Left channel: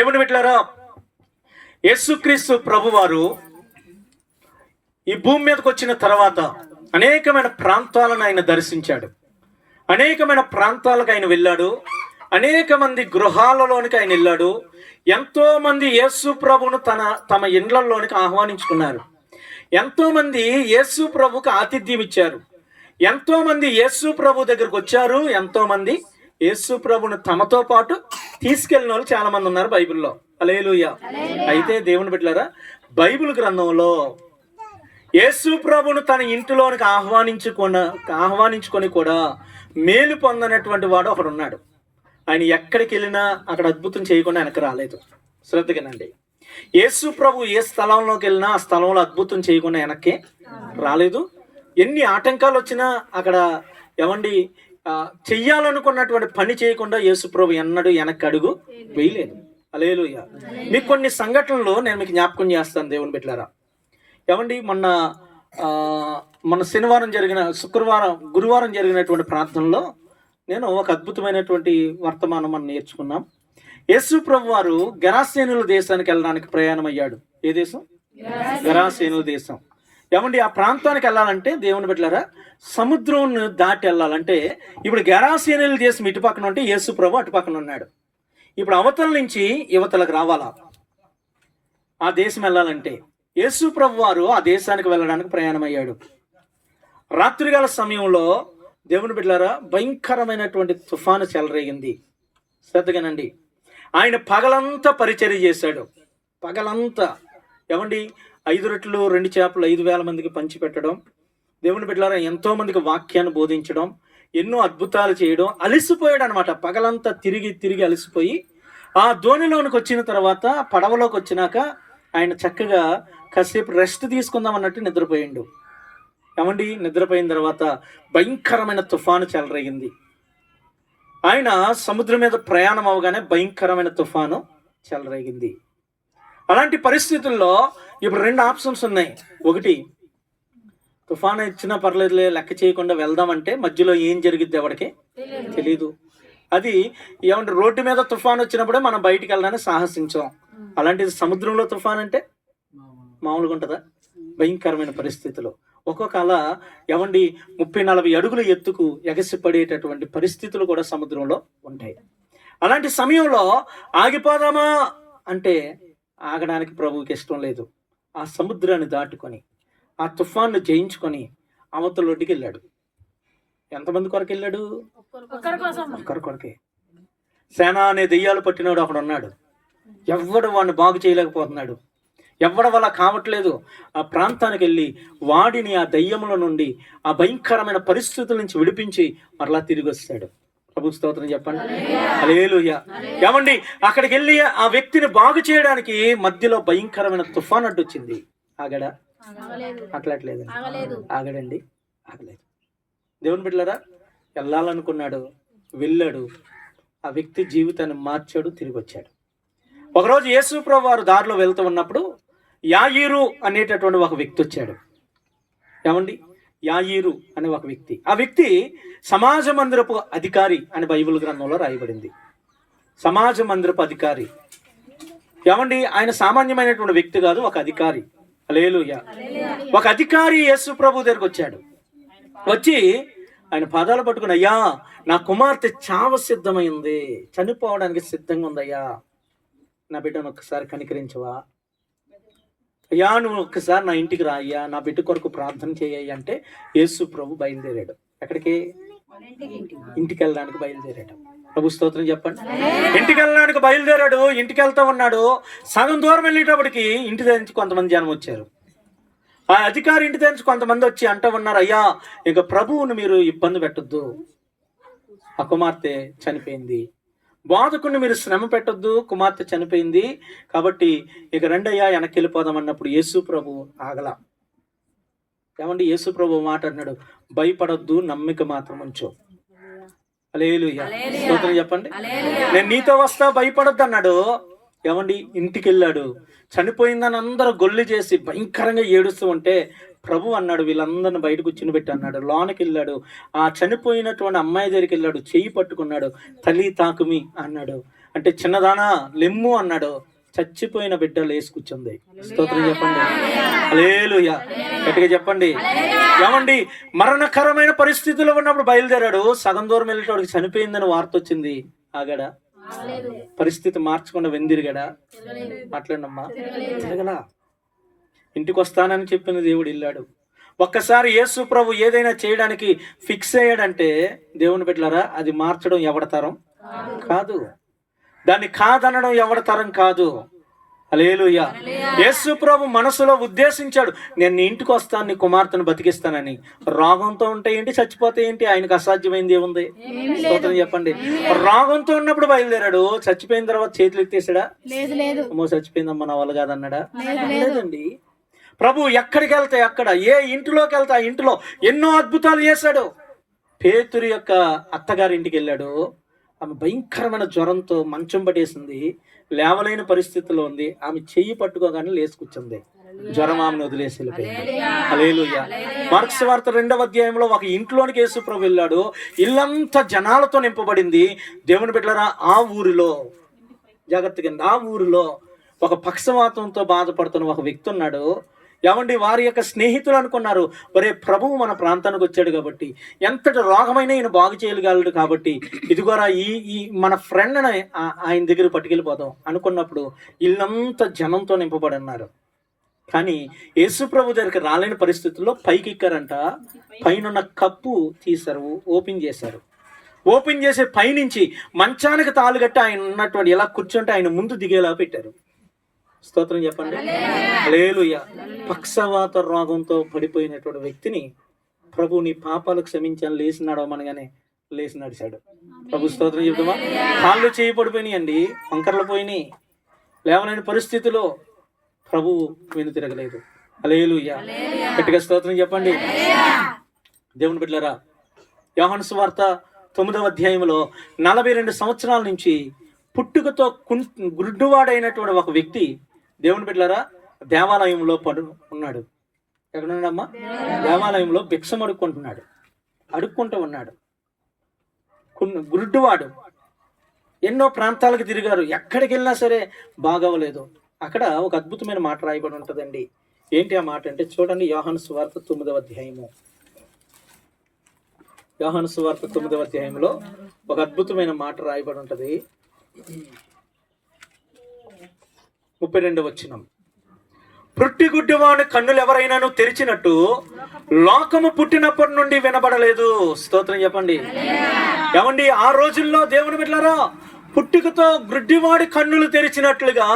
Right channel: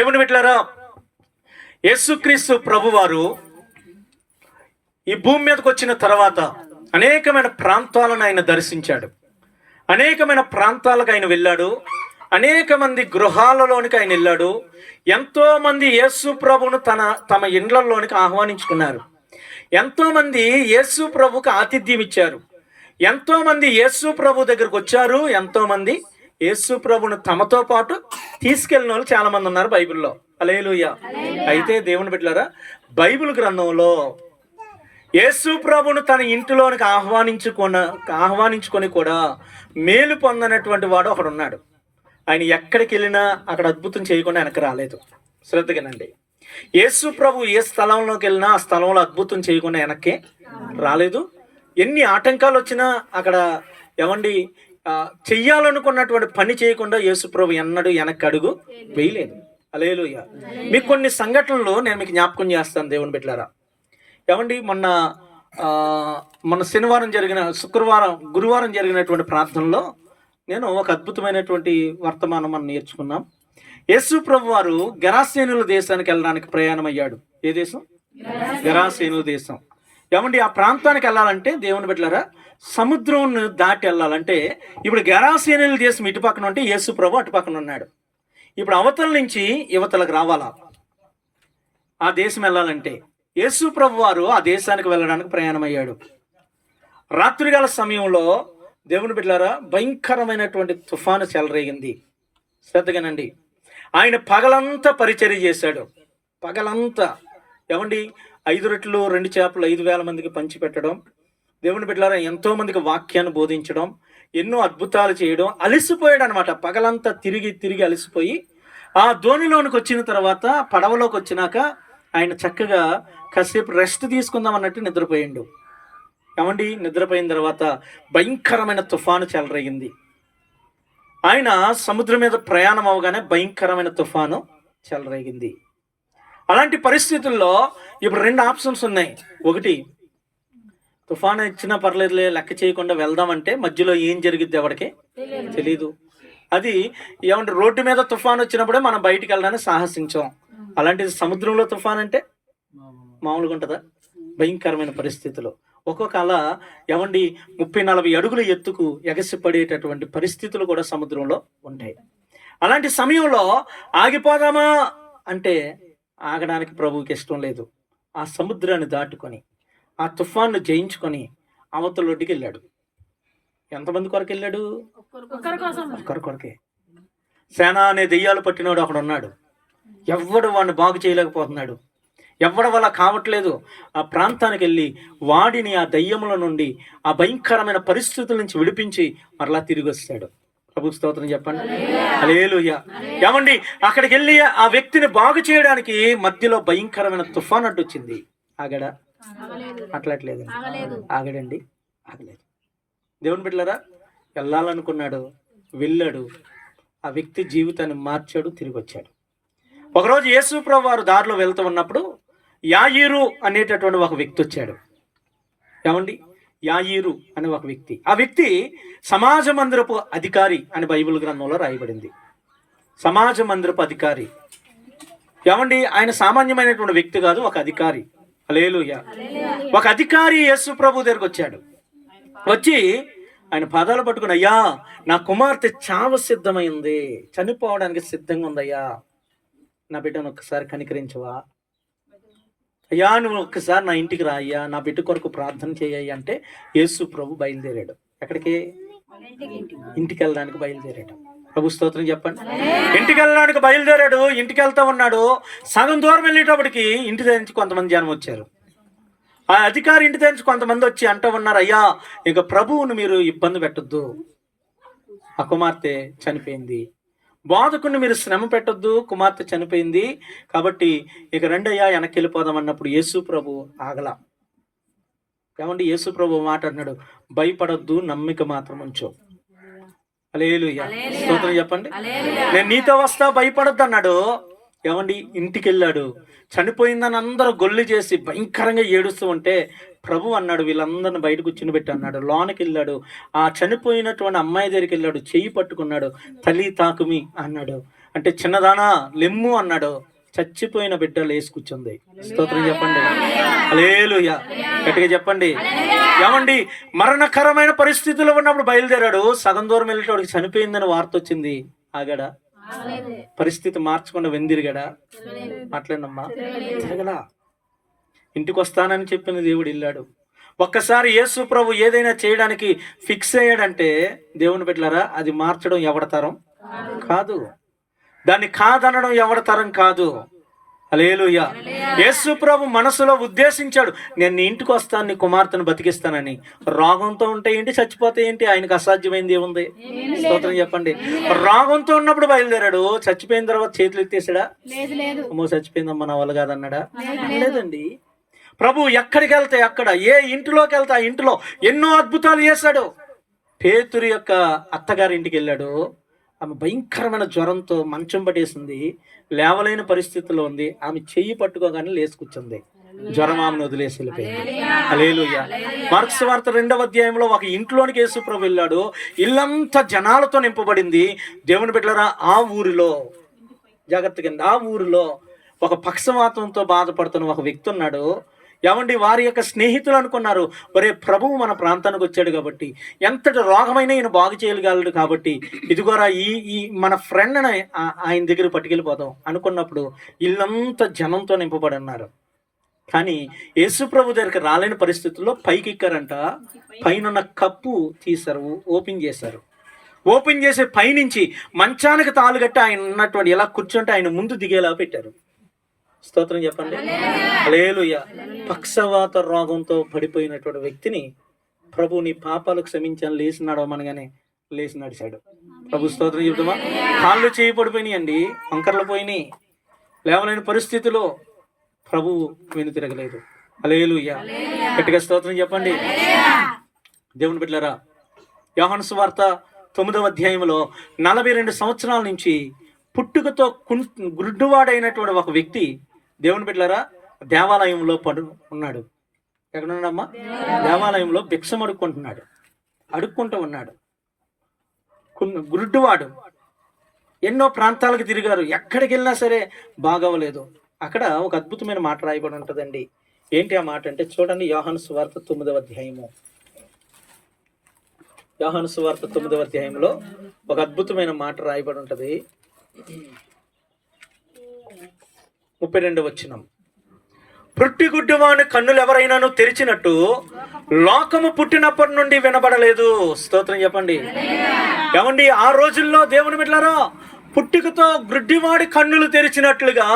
దేవుని బిడ్డలారా, యేసుక్రీస్తు ప్రభువారు ఈ భూమి మీదకి వచ్చిన తర్వాత అనేకమైన ప్రాంతాలను ఆయన దర్శించాడు. అనేకమైన ప్రాంతాలకు ఆయన వెళ్ళాడు. అనేక మంది గృహాలలోనికి ఆయన వెళ్ళాడు. ఎంతో మంది యేసు ప్రభువును తమ ఇండ్లలోనికి ఆహ్వానించుకున్నారు. ఎంతో మంది యేసు ప్రభుకు ఆతిథ్యం ఇచ్చారు. ఎంతో మంది యేసు ప్రభు దగ్గరకు వచ్చారు. ఎంతో మంది యేసు ప్రభును తమతో పాటు తీసుకెళ్ళిన వాళ్ళు చాలా మంది ఉన్నారు బైబిల్లో. హల్లెలూయా. అయితే దేవుని బిడ్డలారా, బైబిల్ గ్రంథంలో యేసు ప్రభును తన ఇంటిలోనికి ఆహ్వానించుకొని కూడా మేలు పొందనటువంటి వాడు ఒకడు ఉన్నాడు. ఆయన ఎక్కడికి వెళ్ళినా అక్కడ అద్భుతం చేయకుండా వెనక్కి రాలేదు. శ్రద్ధగానండి. యేసు ప్రభు ఏ స్థలంలోకి వెళ్ళినా ఆ స్థలంలో అద్భుతం చేయకుండా వెనక్కి రాలేదు. ఎన్ని ఆటంకాలు వచ్చినా అక్కడ చెయ్యాలనుకున్నటువంటి పని చేయకుండా యేసు ప్రభు ఎన్నడూ వెనక్కి అడుగు వేయలేదు. హల్లెలూయా. మీకు కొన్ని సంఘటనలు నేను మీకు జ్ఞాపకం చేస్తాను దేవుని బిడ్డలారా. మొన్న శనివారం గురువారం జరిగినటువంటి ప్రార్థనలో నేను ఒక అద్భుతమైనటువంటి వర్తమానం మనం నేర్చుకున్నాం. యేసు ప్రభు వారు గెరాసేనుల దేశానికి వెళ్ళడానికి ప్రయాణం అయ్యాడు. ఏ దేశం? గెరాసేనుల దేశం. ఆ ప్రాంతానికి వెళ్ళాలంటే దేవుని బిడ్డలారా, సముద్రం దాటి వెళ్ళాలంటే ఇప్పుడు గెరాసేనుల దేశం ఇటు పక్కన ఉంటే యేసు ప్రభు అటు పక్కన ఉన్నాడు. ఇప్పుడు అవతల నుంచి యువతలకు రావాలా ఆ దేశం వెళ్ళాలంటే. యేసు ప్రభు వారు ఆ దేశానికి వెళ్ళడానికి ప్రయాణం అయ్యాడు. రాత్రికాల సమయంలో దేవుని బిడ్డలారా, భయంకరమైనటువంటి తుఫాను చెలరేగింది. శ్రద్ధగానండి. ఆయన పగలంతా పరిచర్య చేశాడు. పగలంతా 5 రొట్టెలు 2 చేపలు 5,000 మందికి పంచిపెట్టడం, దేవుని బిడ్డలారా ఎంతో మందికి వాక్యాన్ని బోధించడం, ఎన్నో అద్భుతాలు చేయడం. అలసిపోయాడు అనమాట. పగలంతా తిరిగి అలసిపోయి ఆ ధోనిలోనికి వచ్చిన తర్వాత పడవలోకి వచ్చినాక ఆయన చక్కగా కాసేపు రెస్ట్ తీసుకుందాం అన్నట్టు నిద్రపోయిండు. నిద్రపోయిన తర్వాత భయంకరమైన తుఫాను చెలరేగింది. ఆయన సముద్రం మీద ప్రయాణం అవగానే భయంకరమైన తుఫాను చెలరేగింది. అలాంటి పరిస్థితుల్లో ఇప్పుడు 2 ఆప్షన్స్ ఉన్నాయి. ఒకటి, తుఫాను ఇచ్చినా పర్లేదులే, లెక్క చేయకుండా వెళ్దామంటే మధ్యలో ఏం జరిగిద్ది ఎవరికి తెలీదు. అది రోడ్డు మీద తుఫాను వచ్చినప్పుడే మనం బయటికి వెళ్ళడానికి సాహసించాం. అలాంటిది సముద్రంలో తుఫాన్ అంటే మామూలుగా ఉంటుందా? భయంకరమైన పరిస్థితులు. ఒక్కొక్క అలా 30-40 అడుగుల ఎత్తుకు ఎగసిపడేటటువంటి పరిస్థితులు కూడా సముద్రంలో ఉంటాయి. అలాంటి సమయంలో ఆగిపోదామా అంటే ఆగడానికి ప్రభువుకి ఇష్టం లేదు. ఆ సముద్రాన్ని దాటుకొని ఆ తుఫాన్ను జయించుకొని అవతల ఒడ్డుకి వెళ్ళాడు. ఎంతమంది కొరకు వెళ్ళాడు? ఒక్కరి కొరకే. సేన అనే దెయ్యాలు పట్టినవాడు అక్కడ ఉన్నాడు. ఎవ్వడు వాడిని బాగు చేయలేకపోతున్నాడు. ఎవ్వడ వల్ల కావట్లేదు. ఆ ప్రాంతానికి వెళ్ళి వాడిని ఆ దయ్యముల నుండి, ఆ భయంకరమైన పరిస్థితుల నుంచి విడిపించి మరలా తిరిగి వస్తాడు. ప్రభు స్తోత్రం చెప్పండి. హల్లెలూయా. అక్కడికి వెళ్ళి ఆ వ్యక్తిని బాగు చేయడానికి మధ్యలో భయంకరమైన తుఫాన్ అడ్డు వచ్చింది. ఆగడా? అట్లట్లేదు. ఆగడండి, ఆగలేదు. దేవుని బిడ్డలారా, వెళ్ళాలనుకున్నాడు, వెళ్ళాడు. ఆ వ్యక్తి జీవితాన్ని మార్చాడు, తిరిగి వచ్చాడు. ఒకరోజు యేసు ప్రభు వారు దారిలో వెళ్తూ ఉన్నప్పుడు యాయీరు అనేటటువంటి ఒక వ్యక్తి వచ్చాడు. యాయీరు అనే ఒక వ్యక్తి. ఆ వ్యక్తి సమాజ మందిరపు అధికారి అని బైబిల్ గ్రంథంలో రాయబడింది. సమాజ మందిరపు అధికారి. ఆయన సామాన్యమైనటువంటి వ్యక్తి కాదు, ఒక అధికారి. హల్లెలూయా. ఒక అధికారి యేసు ప్రభు దగ్గరకు వచ్చాడు. వచ్చి ఆయన పాదాలు పట్టుకుని, అయ్యా, నా కుమార్తె చావ సిద్ధమైంది, చనిపోవడానికి సిద్ధంగా ఉందయ్యా, నా బిడ్డను ఒక్కసారి కనికరించవా, అయ్యా నువ్వు ఒక్కసారి నా ఇంటికి రా అయ్యా, నా బిడ్డ కొరకు ప్రార్థన చేయ్యా అంటే యేసు ప్రభు బయలుదేరాడు. ఎక్కడికి? ఇంటికి వెళ్ళడానికి బయలుదేరాడు. ప్రభు స్తోత్రం చెప్పండి. ఇంటికి వెళ్ళడానికి బయలుదేరాడు. ఇంటికి వెళ్తా ఉన్నాడు. సగం దూరం వెళ్ళేటప్పటికి ఇంటి దగ్గర నుంచి కొంతమంది జనం వచ్చారు. ఆ అధికారి ఇంటి దగ్గర నుంచి కొంతమంది వచ్చి అంటూ ఉన్నారు, అయ్యా, ఇక ప్రభువును మీరు ఇబ్బంది పెట్టొద్దు, ఆ కుమార్తె చనిపోయింది, బోధకుని మీరు శ్రమ పెట్టొద్దు, కుమార్తె చనిపోయింది, కాబట్టి ఇక రెండయ్యా వెనక్కి వెళ్ళిపోదాం అన్నప్పుడు యేసు ప్రభు ఆగలా. యేసు ప్రభు మాట్లాడినాడు, భయపడొద్దు, నమ్మిక మాత్రం ఉంచు. హల్లెలూయా. స్తోత్రం చెప్పండి. నేను నీతో వస్తా, భయపడొద్దు అన్నాడు. ఇంటికి వెళ్ళాడు. చనిపోయిందని అందరూ గొల్లు చేసి భయంకరంగా ఏడుస్తూ ఉంటే ప్రభు అన్నాడు, వీళ్ళందరిని బయట కూర్చుని పెట్టి అన్నాడు. లోనకి వెళ్ళాడు. ఆ చనిపోయినటువంటి అమ్మాయి దగ్గరికి వెళ్ళాడు, చెయ్యి పట్టుకున్నాడు, తల్లి తాకుమి అన్నాడు. అంటే చిన్నదానా లెమ్ము అన్నాడు, చచ్చిపోయిన బిడ్డ లేచి కూర్చుంది. స్తోత్రం చెప్పండి. హల్లెలూయా. గట్టిగా చెప్పండి. ఏమండి, మరణకరమైన పరిస్థితుల్లో ఉన్నప్పుడు బయలుదేరాడు. సగం దూరం వెళ్ళేటోడికి చనిపోయిందని వార్త వచ్చింది. ఆగాడా? పరిస్థితి మార్చకుండా వెందిరిగాడా? మాట్లాడమ్మా. తిరగలా. ఇంటికి వస్తానని చెప్పిన దేవుడు వెళ్ళాడు. ఒక్కసారి యేసు ప్రభు ఏదైనా చేయడానికి ఫిక్స్ అయ్యాడంటే దేవుని బిడ్డలారా, అది మార్చడం ఎవడతరం కాదు, దాన్ని కాదనడం ఎవడతరం కాదు. హల్లెలూయా. యేసు ప్రభు మనసులో ఉద్దేశించాడు, నేను నీ ఇంటికి వస్తాను, నీ కుమార్తెను బతికిస్తానని. రోగంతో ఉంటే ఏంటి, చచ్చిపోతే ఏంటి, ఆయనకు అసాధ్యమైంది ఏముంది? స్తోత్రం చెప్పండి. రోగంతో ఉన్నప్పుడు బయలుదేరాడు, చచ్చిపోయిన తర్వాత చేతులు ఎత్తేసాడా? అమ్మో చచ్చిపోయిందమ్మా నా వల్ల కాదన్నాడా? లేదండి. ప్రభు ఎక్కడికి వెళ్తే అక్కడ, ఏ ఇంటిలోకి వెళ్తే ఆ ఇంటిలో ఎన్నో అద్భుతాలు చేశాడు. పేతురు యొక్క అత్తగారి ఇంటికి వెళ్ళాడు. ఆమె భయంకరమైన జ్వరంతో మంచం పట్టేసింది, లేవలేని పరిస్థితిలో ఉంది. ఆమె చెయ్యి పట్టుకోగానే లేచి కూర్చుంది. జ్వరం ఆమెను వదిలేసి వెళ్ళిపోయింది. హల్లెలూయా. మార్కు సువార్త 2వ అధ్యాయంలో ఒక ఇంట్లోనికి యేసు ప్రభు వెళ్ళాడు. ఇల్లంతా జనాలతో నింపబడింది. దేవుని బిడ్డలారా, ఆ ఊరిలో జాగ్రత్తగా, ఆ ఊరిలో ఒక పక్షవాతంతో బాధపడుతున్న ఒక వ్యక్తి ఉన్నాడు. ఏమండి, వారి యొక్క స్నేహితులు అనుకున్నారు, ఒరే ప్రభువు మన ప్రాంతానికి వచ్చాడు కాబట్టి ఎంతటి రోగమైనా ఈయన బాగు చేయగలడు కాబట్టి ఇదిగోరా ఈ మన ఫ్రెండ్ని ఆయన దగ్గర పట్టుకెళ్ళిపోదాం అనుకున్నప్పుడు ఇల్లంతా జనంతో నింపబడి ఉన్నారు. కానీ యేసు ప్రభు దగ్గరికి రాలేని పరిస్థితుల్లో పైకి ఎక్కారంట. పైన కప్పు తీశారు, ఓపెన్ చేశారు. ఓపెన్ చేసే పైనుంచి మంచానికి తాళుగట్టి ఆయన ఉన్నటువంటి ఇలా కూర్చుంటే ఆయన ముందు దిగేలా పెట్టారు. స్తోత్రం చెప్పండి. హల్లెలూయా. పక్షవాత రోగంతో పడిపోయినటువంటి వ్యక్తిని ప్రభు నీ పాపాలు క్షమించాను లేచి నడవమనగానే లేచి నడిచాడు. ప్రభు స్తోత్రం చెప్తామా. కాళ్ళు చేయి పడిపోయినాయండి, వంకర్లు పోయినాయి, లేవలేని పరిస్థితిలో ప్రభు వెను తిరగలేదు. హల్లెలూయా. గట్టిగా స్తోత్రం చెప్పండి. దేవుని బిడ్డలారా, యోహాను సువార్త 9వ అధ్యాయంలో 42 సంవత్సరాల నుంచి పుట్టుకతో గుడ్డువాడైనటువంటి ఒక వ్యక్తి దేవుని బిడ్డలారా దేవాలయంలో ఉన్నాడు. ఎక్కడున్నాడమ్మా? దేవాలయంలో భిక్షం అడుక్కుంటూ ఉన్నాడు. గుడ్డువాడు. ఎన్నో ప్రాంతాలకు తిరిగారు, ఎక్కడికి వెళ్ళినా సరే బాగవలేదు. అక్కడ ఒక అద్భుతమైన మాట రాయబడి ఉంటుందండి. ఏంటి ఆ మాట అంటే చూడండి, యోహాను సువార్త 9వ అధ్యాయము. యోహాను సువార్త 9వ అధ్యాయంలో ఒక అద్భుతమైన మాట రాయబడి ఉంటుంది. 32వ వచనం. పుట్టిగుడ్డివాని కన్నులు ఎవరైనాను తెరిచినట్టు లోకము పుట్టినప్పటి నుండి వినబడలేదు. స్తోత్రం చెప్పండి. ఏమండి, ఆ రోజుల్లో దేవుని బిడ్డలారా, పుట్టుకతో గుడ్డివాడి కన్నులు తెరిచినట్లుగా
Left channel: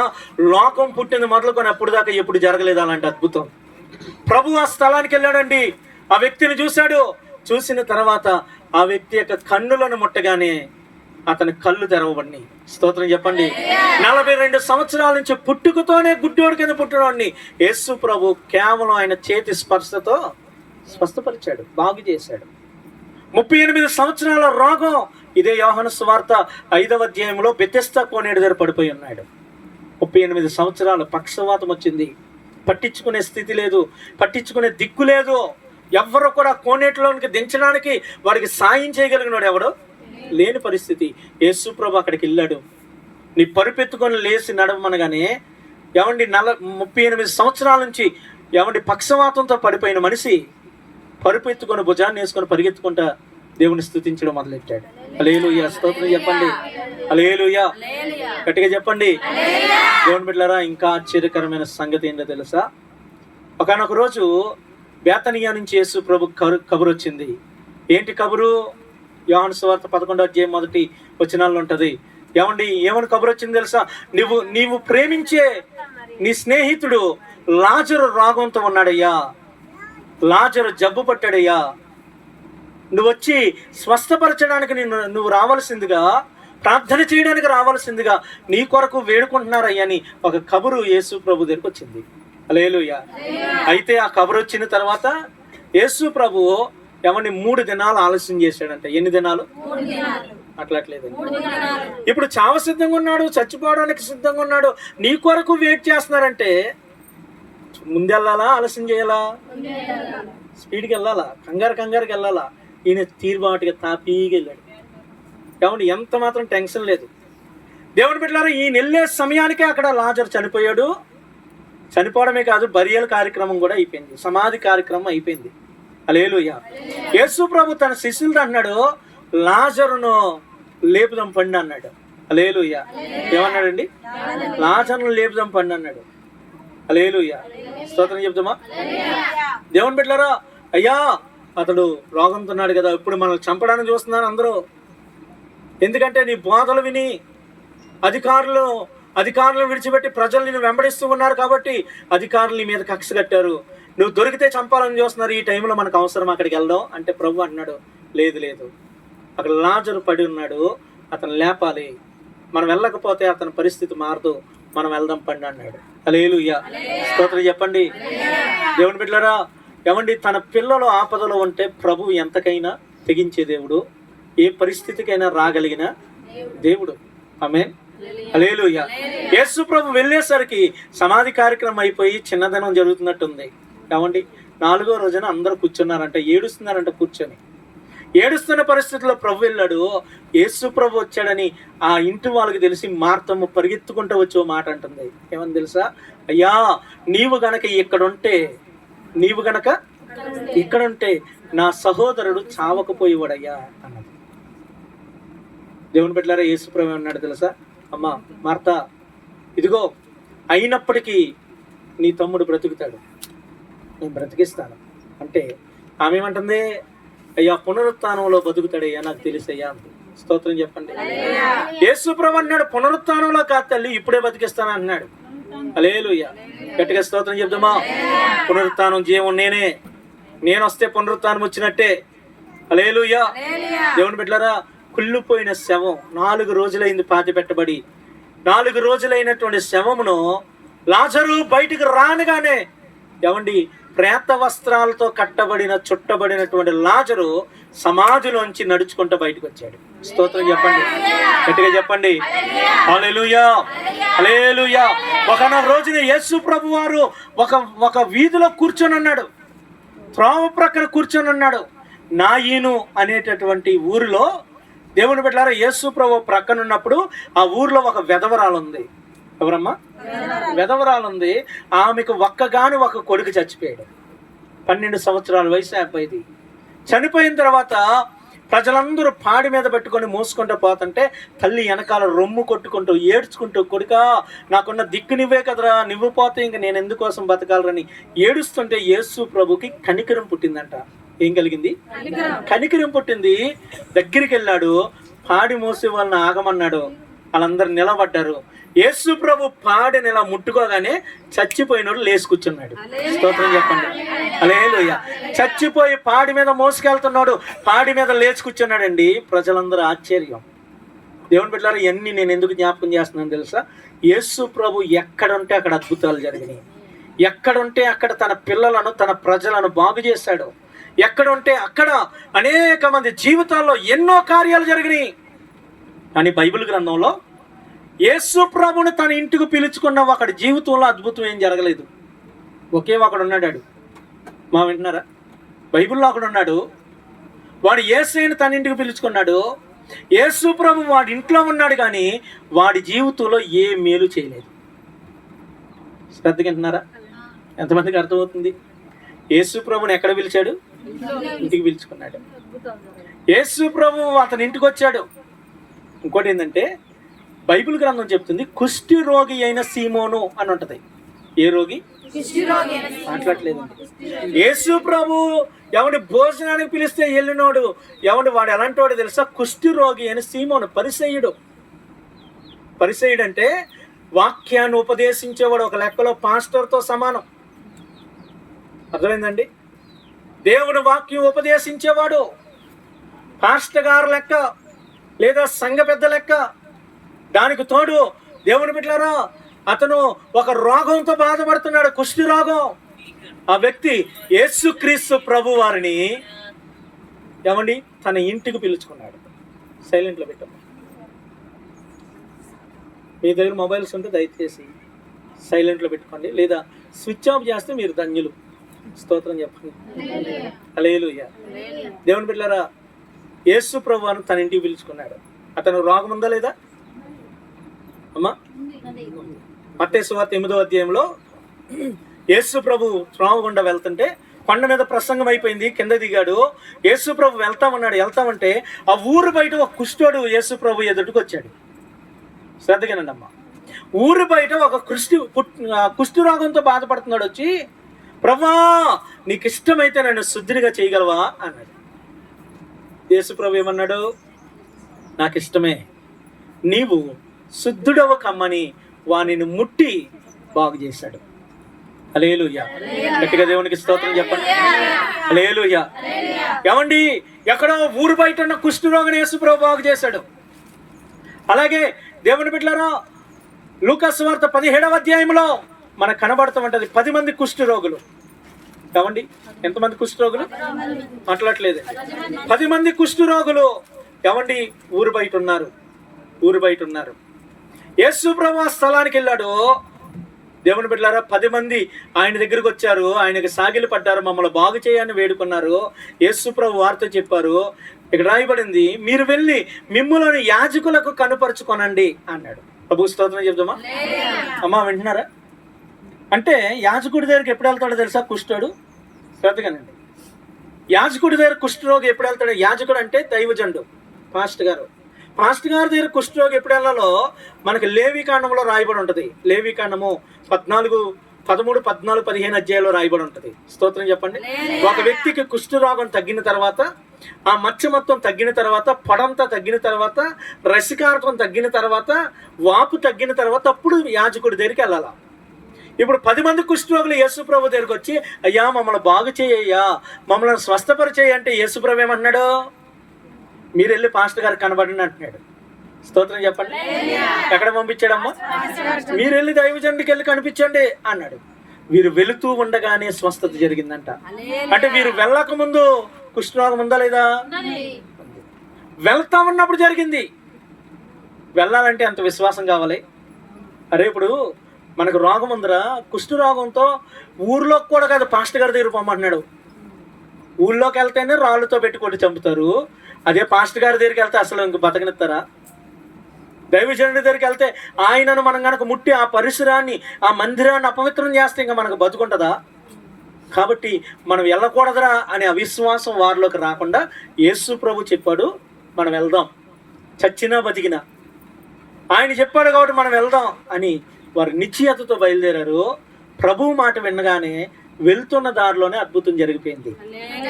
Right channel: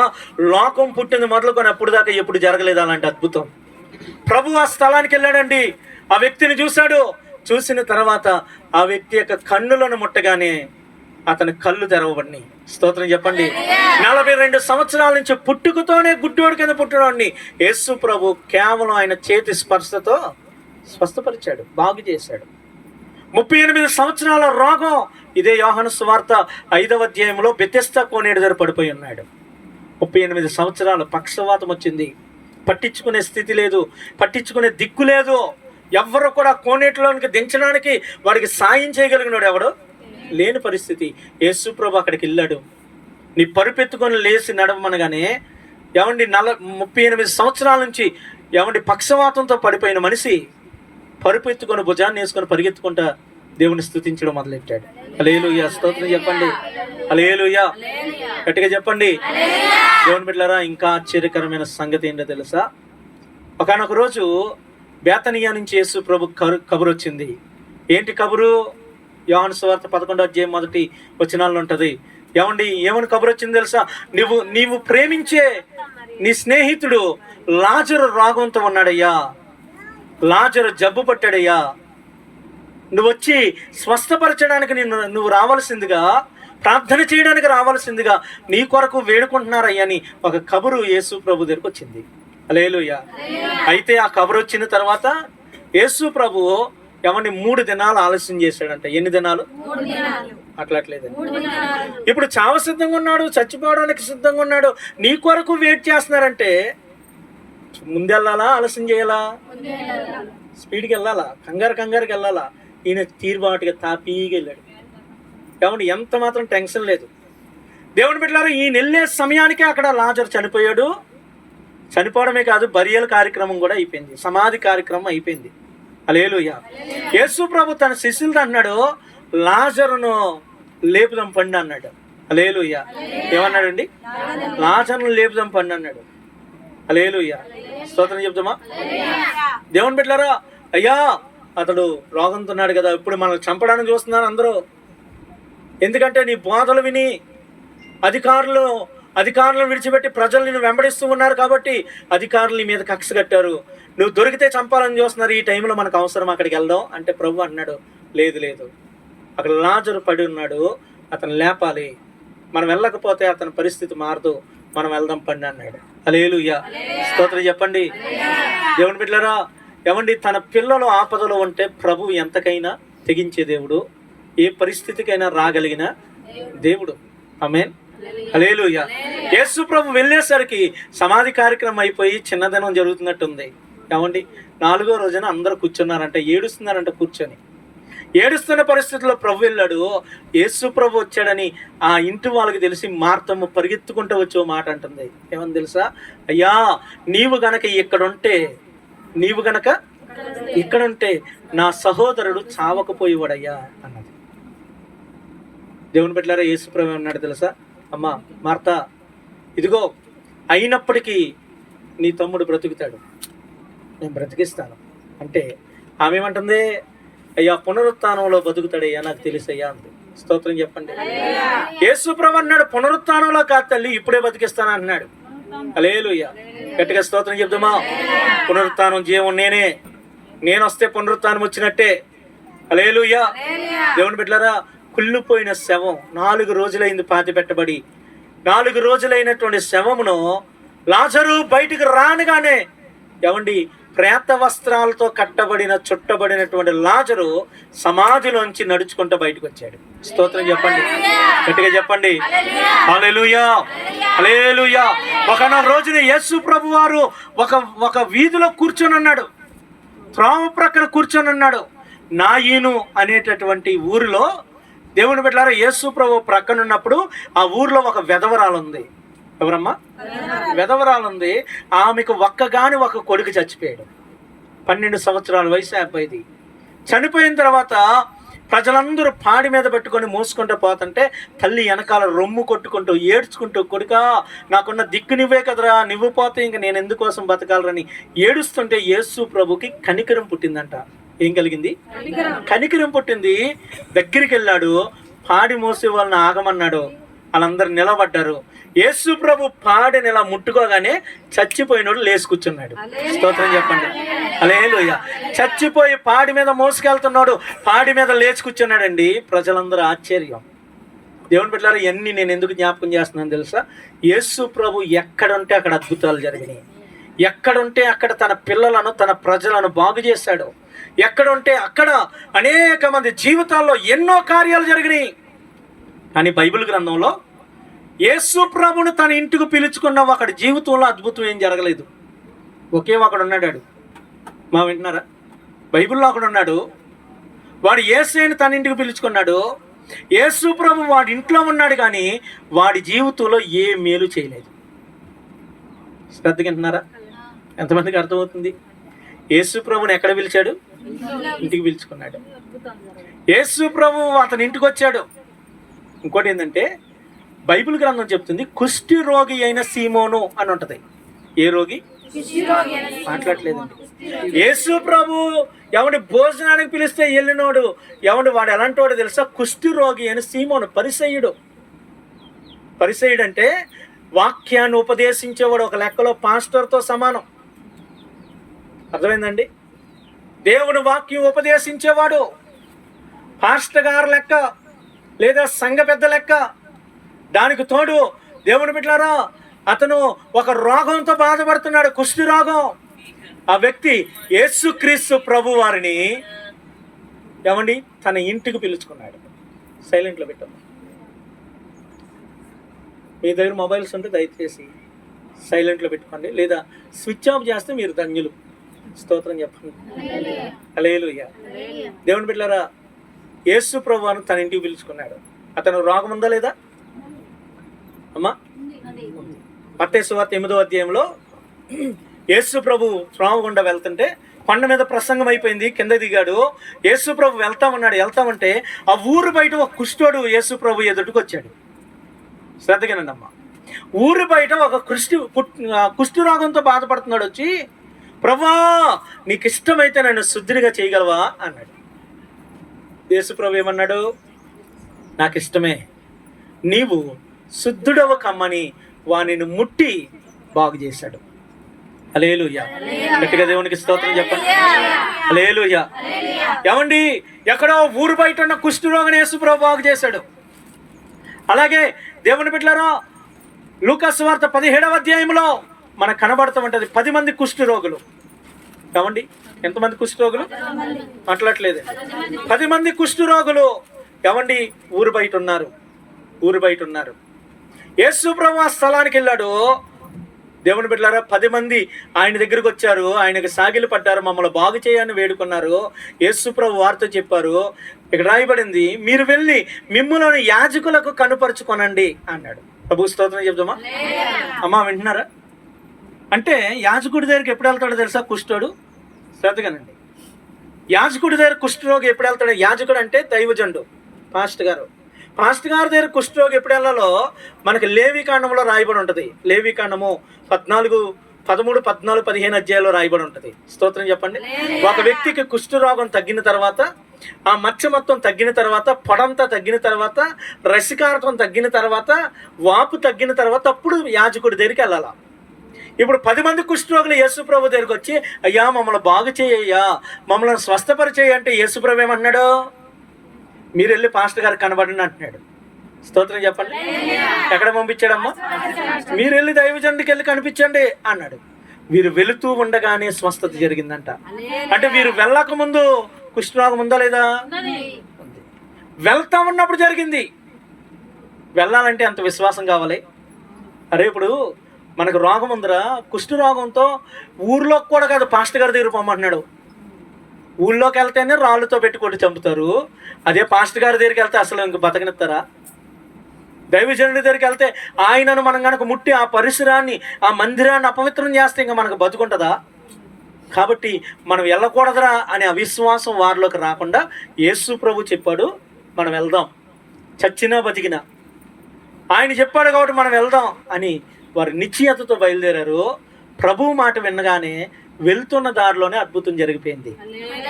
లోకం పుట్టింది మొదలుకొని అప్పుడు దాకా ఎప్పుడు జరగలేదు అలాంటి అద్భుతం. ప్రభు ఆ స్థలానికి వెళ్ళాడండి. ఆ వ్యక్తిని చూశాడు. చూసిన తర్వాత ఆ వ్యక్తి యొక్క కన్నులను ముట్టగానే అతని కళ్ళు తెరవబడినాయి. స్తోత్రం చెప్పండి. 42 సంవత్సరాల నుంచి పుట్టుకతోనే గుడ్డోడి కింద పుట్టినవాడిని యేసు ప్రభు కేవలం ఆయన చేతి స్పర్శతో స్వస్థపరిచాడు, బాగు చేశాడు. 38 సంవత్సరాల రోగం. ఇదే యోహాను సువార్త 5వ అధ్యాయంలో బెతెస్దా కోనేరు దగ్గర పడిపోయి ఉన్నాడు. 38 సంవత్సరాలు పక్షవాతం వచ్చింది. పట్టించుకునే స్థితి లేదు, పట్టించుకునే దిక్కు లేదు. ఎవ్వరు కూడా కోనేటిలోనికి దించడానికి వాడికి సాయం చేయగలిగినాడు ఎవడు లేని పరిస్థితి. యేసు ప్రభు అక్కడికి వెళ్ళాడు. నీ పరుపెత్తుకొని లేచి నడవమనగానే ఏమండి 38 సంవత్సరాల నుంచి ఏమండి పక్షవాతంతో పడిపోయిన మనిషి పరుపెత్తుకొని భుజాన్ని వేసుకొని పరిగెత్తుకుంటా దేవుని స్తుతించడం మొదలెట్టాడు. హల్లెలూయా. స్తోత్రం చెప్పండి. హల్లెలూయా. గట్టిగా చెప్పండి. దేవుని బిడ్డలారా, ఇంకా ఆశ్చర్యకరమైన సంగతి ఏంటో తెలుసా? ఒకానొక రోజు బేతనియా నుంచి యేసు ప్రభు కబురు వచ్చింది. ఏంటి కబురు? యోహాను సువార్త 11వ అధ్యాయం 1వ వచనాల్లో ఉంటుంది. ఏమని కబురు వచ్చింది తెలుసా? నీవు ప్రేమించే నీ స్నేహితుడు లాజరు రోగంతో ఉన్నాడయ్యా, లాజరు జబ్బు పట్టాడయ్యా, నువ్వు వచ్చి స్వస్థపరచడానికి నువ్వు రావాల్సిందిగా, ప్రార్థన చేయడానికి రావాల్సిందిగా నీ కొరకు వేడుకుంటున్నారయ్యా అని ఒక కబురు యేసు ప్రభు దగ్గరకు వచ్చింది. హల్లెలూయా. అయితే ఆ కబురు వచ్చిన తర్వాత యేసు ప్రభు 3 దినాలు ఆలస్యం చేశాడంట. ఎన్ని దినాలు? అట్లట్లేదండి. ఇప్పుడు చావ సిద్ధంగా ఉన్నాడు, చచ్చిపోవడానికి సిద్ధంగా ఉన్నాడు, నీ కొరకు వెయిట్ చేస్తున్నారంటే ముందెళ్ళాలా ఆలస్యం చేయాలా? స్పీడ్కి వెళ్ళాలా? కంగారుకి వెళ్ళాలా? ఈయన తీరుబాటుగా తాపీగా వెళ్ళాడు. ఎంత మాత్రం టెన్షన్ లేదు. దేవుని బిడ్డలారా, ఈయన వెళ్ళే సమయానికే అక్కడ లాజరు చనిపోయాడు. చనిపోవడమే కాదు, బరియల్ కార్యక్రమం కూడా అయిపోయింది, సమాధి కార్యక్రమం అయిపోయింది. హల్లెలూయా. యేసు ప్రభు తన శిష్యులతో అన్నాడు, లాజరును లేపుదాం పండు అన్నాడు. హల్లెలూయా. ఏమన్నాడండి? లాజరును లేపుదాం పండు అన్నాడు. హల్లెలూయా. స్తోత్రం చెప్తామా? దేవుని బిడ్డలారా, అయ్యా అతడు రోగంతో ఉన్నాడు కదా, ఇప్పుడు మనల్ని చంపడానికి చూస్తున్నారు అందరూ. ఎందుకంటే నీ బోధలు విని అధికారులను విడిచిపెట్టి ప్రజలు నిన్ను వెంబడిస్తూ ఉన్నారు కాబట్టి అధికారులు నీ మీద కక్ష కట్టారు. నువ్వు దొరికితే చంపాలని చూస్తున్నారు. ఈ టైంలో మనకు అవసరం అక్కడికి వెళ్దాం అంటే ప్రభు అన్నాడు, లేదు లేదు, అక్కడ లాజరు పడి ఉన్నాడు, అతను లేపాలి. మనం వెళ్ళకపోతే అతని పరిస్థితి మారదు, మనం వెళ్దాం పండి అన్నాడు. హల్లెలూయా. స్తోత్రం చెప్పండి. దేవుని బిడ్డలారా, ఏమండి, తన పిల్లలు ఆపదలో ఉంటే ప్రభు ఎంతకైనా తెగించే దేవుడు, ఏ పరిస్థితికైనా రాగలిగిన దేవుడు. ఆమేన్. హల్లెలూయా. యేసు ప్రభు వెళ్ళేసరికి సమాధి కార్యక్రమం అయిపోయి చిన్నదనం జరుగుతున్నట్టుంది. ఏమండి, 4వ రోజున అందరూ కూర్చున్నారంట, ఏడుస్తున్నారంట. కూర్చొని ఏడుస్తున్న పరిస్థితుల్లో ప్రభు వెళ్ళాడు. యేసు ప్రభు వచ్చాడని ఆ ఇంటి వాళ్ళకి తెలిసి మార్తమ్మ పరిగెత్తుకుంటూ వచ్చే మాట అంటుంది. ఏమని తెలుసా? అయ్యా, నీవు గనక ఇక్కడుంటే నా సహోదరుడు చావకపోయేవాడయ్యా అన్నది. దేవుని బిడ్డలారా, యేసు ప్రభు అన్నాడు తెలుసా? అమ్మా మార్త, ఇదిగో అయినప్పటికీ నీ తమ్ముడు బ్రతుకుతాడు, నేను బ్రతికిస్తాను అంటే ఆమె ఏమంటుంది? అయ్యా, పునరుత్థానంలో బతుకుతాడయ్యా, నాకు తెలుసయ్యా అంది. స్తోత్రం చెప్పండి. యేసు ప్రభు అన్నాడు, పునరుత్థానంలో కాదు తల్లి, ఇప్పుడే బతికిస్తాను అన్నాడు. హల్లెలూయా. గట్టిగా స్తోత్రం చెప్తామా? పునరుత్థానం జీవం నేను వస్తే పునరుత్థానం వచ్చినట్టే. హల్లెలూయా. దేవుని బిడ్డలారా, కుళ్ళిపోయిన శవం 4 రోజులైంది పాతి పెట్టబడి. 4 రోజులైనటువంటి శవమును లాజరు బయటికి రానగానే, ఏమండి, ప్రేత వస్త్రాలతో చుట్టబడినటువంటి లాజరు సమాధిలోంచి నడుచుకుంటూ బయటకు వచ్చాడు. స్తోత్రం చెప్పండి, గట్టిగా చెప్పండి. హల్లెలూయా, హల్లెలూయా. ఒకనొక రోజున యేసు ప్రభు వారు ఒక వీధిలో కూర్చొని ఉన్నాడు, త్రోవ ప్రక్కన కూర్చొని ఉన్నాడు. నాయీను అనేటటువంటి ఊరిలో దేవుని బిడ్డలారా, యేసు ప్రభు ప్రక్కన ఉన్నప్పుడు ఆ ఊర్లో ఒక వెధవరాలు ఉంది. ఎవరమ్మా? వెధవరాలు ఉంది. ఆమెకు ఒక్కగాని ఒక కొడుకు చచ్చిపోయాడు. 12 సంవత్సరాల వయసు అబ్బాయిది. చనిపోయిన తర్వాత ప్రజలందరూ పాడి మీద పెట్టుకొని మోసుకుంటూ పోతుంటే తల్లి వెనకాల రొమ్ము కొట్టుకుంటూ ఏడ్చుకుంటూ, కొడుకా నాకున్న దిక్కు నువ్వే కదరా, నువ్వు పోతే ఇంక నేను ఎందుకోసం బతకాలరని ఏడుస్తుంటే యేసు ప్రభుకి కనికరం పుట్టిందంట. ఏం కలిగింది? కనికరం పుట్టింది. దగ్గరికి వెళ్ళాడు, పాడి మోసే వాళ్ళని ఆగమన్నాడు. వాళ్ళందరూ నిలబడ్డారు. యేసు ప్రభు పాడిని ఇలా ముట్టుకోగానే చచ్చిపోయినోడు లేచి కూర్చున్నాడు. స్తోత్రం చెప్పండి. హల్లెలూయా. చచ్చిపోయి పాడి మీద మోసుకెళ్తున్నాడు, పాడి మీద లేచి కూర్చున్నాడండి. ప్రజలందరూ ఆశ్చర్యం. దేవుని బిడ్డలారా, ఇవన్నీ నేను ఎందుకు జ్ఞాపకం చేస్తున్నాను తెలుసా? యేసు ప్రభు ఎక్కడుంటే అక్కడ అద్భుతాలు జరిగినాయి. ఎక్కడుంటే అక్కడ తన పిల్లలను, తన ప్రజలను బాగు చేశాడు. ఎక్కడుంటే అక్కడ అనేక మంది జీవితాల్లో ఎన్నో కార్యాలు జరిగినాయి. కానీ బైబిల్ గ్రంథంలో యేసు ప్రభుని తన ఇంటికి పిలుచుకున్న ఒకడి జీవితంలో అద్భుతం ఏం జరగలేదు. ఒకే ఒకడు ఉన్నాడు. మా వింటున్నారా? బైబిల్లో ఒకడు ఉన్నాడు. వాడు యేసుని తన ఇంటికి పిలుచుకున్నాడు. యేసు ప్రభు వాడి ఇంట్లో ఉన్నాడు, కానీ వాడి జీవితంలో ఏ మేలు చేయలేదు. శ్రద్ధగా వింటున్నారా? ఎంతమందికి అర్థమవుతుంది? యేసు ప్రభుని ఎక్కడ పిలిచాడు? ఇంటికి పిలుచుకున్నాడు. యేసు ప్రభు అతని ఇంటికి వచ్చాడు. ఇంకోటి ఏంటంటే, బైబిల్ గ్రంథం చెప్తుంది కుష్టి రోగి అయిన సీమోను అని ఉంటది. ఏ రోగి? మాట్లాడలేదండి. యేసు ప్రభు ఎవడి భోజనానికి పిలిస్తే వెళ్ళినోడు, వాడు ఎలాంటి వాడు తెలుసా? కుష్టి రోగి అయిన సీమోను. పరిసయ్యుడు అంటే వాక్యాన్ని ఉపదేశించేవాడు. ఒక లెక్కలో పాస్టర్తో సమానం. అర్థమైందండి? దేవుని వాక్యం ఉపదేశించేవాడు పాస్టర్ గారు లెక్క, లేదా సంఘ పెద్ద లెక్క. దానికి తోడు దేవుని బిడ్డలారా, అతను ఒక రోగంతో బాధపడుతున్నాడు, కుష్టి రోగం. ఆ వ్యక్తి యేసుక్రీస్తు ప్రభు వారిని తన ఇంటికి పిలుచుకున్నాడు. సైలెంట్లో పెట్టాము. మీ దగ్గర మొబైల్స్ ఉంటే దయచేసి సైలెంట్లో పెట్టుకోండి, లేదా స్విచ్ ఆఫ్ చేస్తే మీరు ధన్యులు. స్తోత్రం చెప్పండి. హల్లెలూయా. దేవుని బిడ్డలారా, యేసు ప్రభువును తన ఇంటికి పిలుచుకున్నాడు. అతను రోగం ఉందా లేదా? అమ్మా, మత్తయి సువార్త 8వ అధ్యాయంలో యేసు ప్రభు త్రోవ గుండా వెళ్తుంటే కొండ మీద ప్రసంగం అయిపోయింది, కింద దిగాడు. యేసు ప్రభు వెళ్తామంటే ఆ ఊరు బయట ఒక కుష్ఠోడు యేసు ప్రభు ఎదుటికి వచ్చాడు. శ్రద్ధగానండి అమ్మా. ఊరు బయట ఒక కుష్ఠరోగంతో బాధపడుతున్నాడు. వచ్చి, ప్రభా నీకు ఇష్టమైతే నన్ను శుద్ధిగా చేయగలవా అన్నాడు. యేసు ప్రభు ఏమన్నాడు? నాకు ఇష్టమే, నీవు శుద్ధుడవ కమ్మని వానిని ముట్టి బాగు చేశాడు. హల్లెలూయా. గట్టిగా దేవునికి స్తోత్రం చెప్పండి. హల్లెలూయా. ఏమండి, ఎక్కడో ఊరు బయట ఉన్న కుష్ఠరోగిని యేసు ప్రభు బాగు చేశాడు. అలాగే దేవుని బిడ్డలారా, లూకా సువార్త 17వ అధ్యాయంలో మనకు కనబడుతూ ఉంటుంది 10 మంది కుష్ఠరోగులు. ఏమండి, ఎంతమంది కుష్ఠరోగులు? మాట్లాడలేదు. 10 మంది కుష్ఠరోగులు ఏమండి ఊరు బయట ఉన్నారు. యేసు ప్రభు ఆ స్థలానికి వెళ్ళాడు. దేవుని బిడ్డలారా, 10 మంది ఆయన దగ్గరికి వచ్చారు. ఆయనకు సాగిలు పడ్డారు, మమ్మల్ని బాగు చేయని వేడుకున్నారు. యేసు ప్రభు వారితో చెప్పారు, ఇక్కడ రాయబడింది, మీరు వెళ్ళి మిమ్ములను యాజకులకు కనుపరుచుకొనండి అన్నాడు. ప్రభు స్తోత్రం చెప్దామా అమ్మా, వింటున్నారా? అంటే యాజకుడి దగ్గరికి ఎప్పుడు వెళ్తాడో తెలుసా కుష్ఠుడు? శ్రద్ధగానండి. యాజకుడి దగ్గర కుష్ఠరోగి ఎప్పుడు వెళ్తాడు? యాజకుడు అంటే దైవజనుడు, పాస్టర్ గారి దగ్గర కుష్ఠరోగి ఎప్పుడు వెళ్ళాలో మనకి లేవికాండంలో రాయబడి ఉంటుంది. లేవికాండము 13, 14, 15 అధ్యాయాల్లో రాయబడి ఉంటుంది. స్తోత్రం చెప్పండి. ఒక వ్యక్తికి కుష్ఠరోగం తగ్గిన తర్వాత, ఆ మచ్చ మొత్తం తగ్గిన తర్వాత, పొడంతా తగ్గిన తర్వాత, రసికారకం తగ్గిన తర్వాత, వాపు తగ్గిన తర్వాత అప్పుడు యాజకుడి దగ్గరికి వెళ్ళాలా. ఇప్పుడు 10 మంది కుష్ఠరోగులు యేసు ప్రభు దగ్గరికి వచ్చి, అయ్యా మమ్మల్ని బాగు చేయ్యా, మమ్మల్ని స్వస్థపరిచేయ అంటే యేసు ప్రభు ఏమంటున్నాడు? మీరు వెళ్ళి పాస్టర్ గారికి కనబడండి అంటున్నాడు. స్తోత్రం చెప్పండి. ఎక్కడ పంపించాడమ్మా? మీరు వెళ్ళి దైవజనుడికి వెళ్ళి కనిపించండి అన్నాడు. వీరు వెళుతూ ఉండగానే స్వస్థత జరిగిందంట. అంటే వీరు వెళ్ళక ముందు కుష్ఠరోగం ఉందా లేదా? వెళ్తా ఉన్నప్పుడు జరిగింది. వెళ్ళాలంటే అంత విశ్వాసం కావాలి. అరే, ఇప్పుడు మనకు రోగం ఉందిరా, కుష్ఠరోగంతో ఊర్లోకి కూడా కాదు, పాస్టర్ గారి దగ్గర పొమ్మంటున్నాడు. ఊళ్ళోకి వెళ్తేనే రాళ్ళతో పెట్టుకుంటూ చంపుతారు. అదే పాస్టర్ గారి దగ్గరికి వెళ్తే అసలు ఇంక బతకనిస్తారా? దైవజనుడి దగ్గరికి వెళ్తే ఆయనను మనం కనుక ముట్టి ఆ పరిసరాన్ని, ఆ మందిరాన్ని అపవిత్రం చేస్తే ఇంకా మనకు బతుకుంటుందా? కాబట్టి మనం వెళ్ళకూడదురా అనే అవిశ్వాసం వారిలోకి రాకుండా యేసు ప్రభు చెప్పాడు, మనం వెళ్దాం, చచ్చినా బతికినా ఆయన చెప్పాడు కాబట్టి మనం వెళ్దాం అని వారు నిశ్చయతతో బయలుదేరారు. ప్రభువు మాట వినగానే వెళ్తున్న దారిలోనే అద్భుతం జరిగిపోయింది.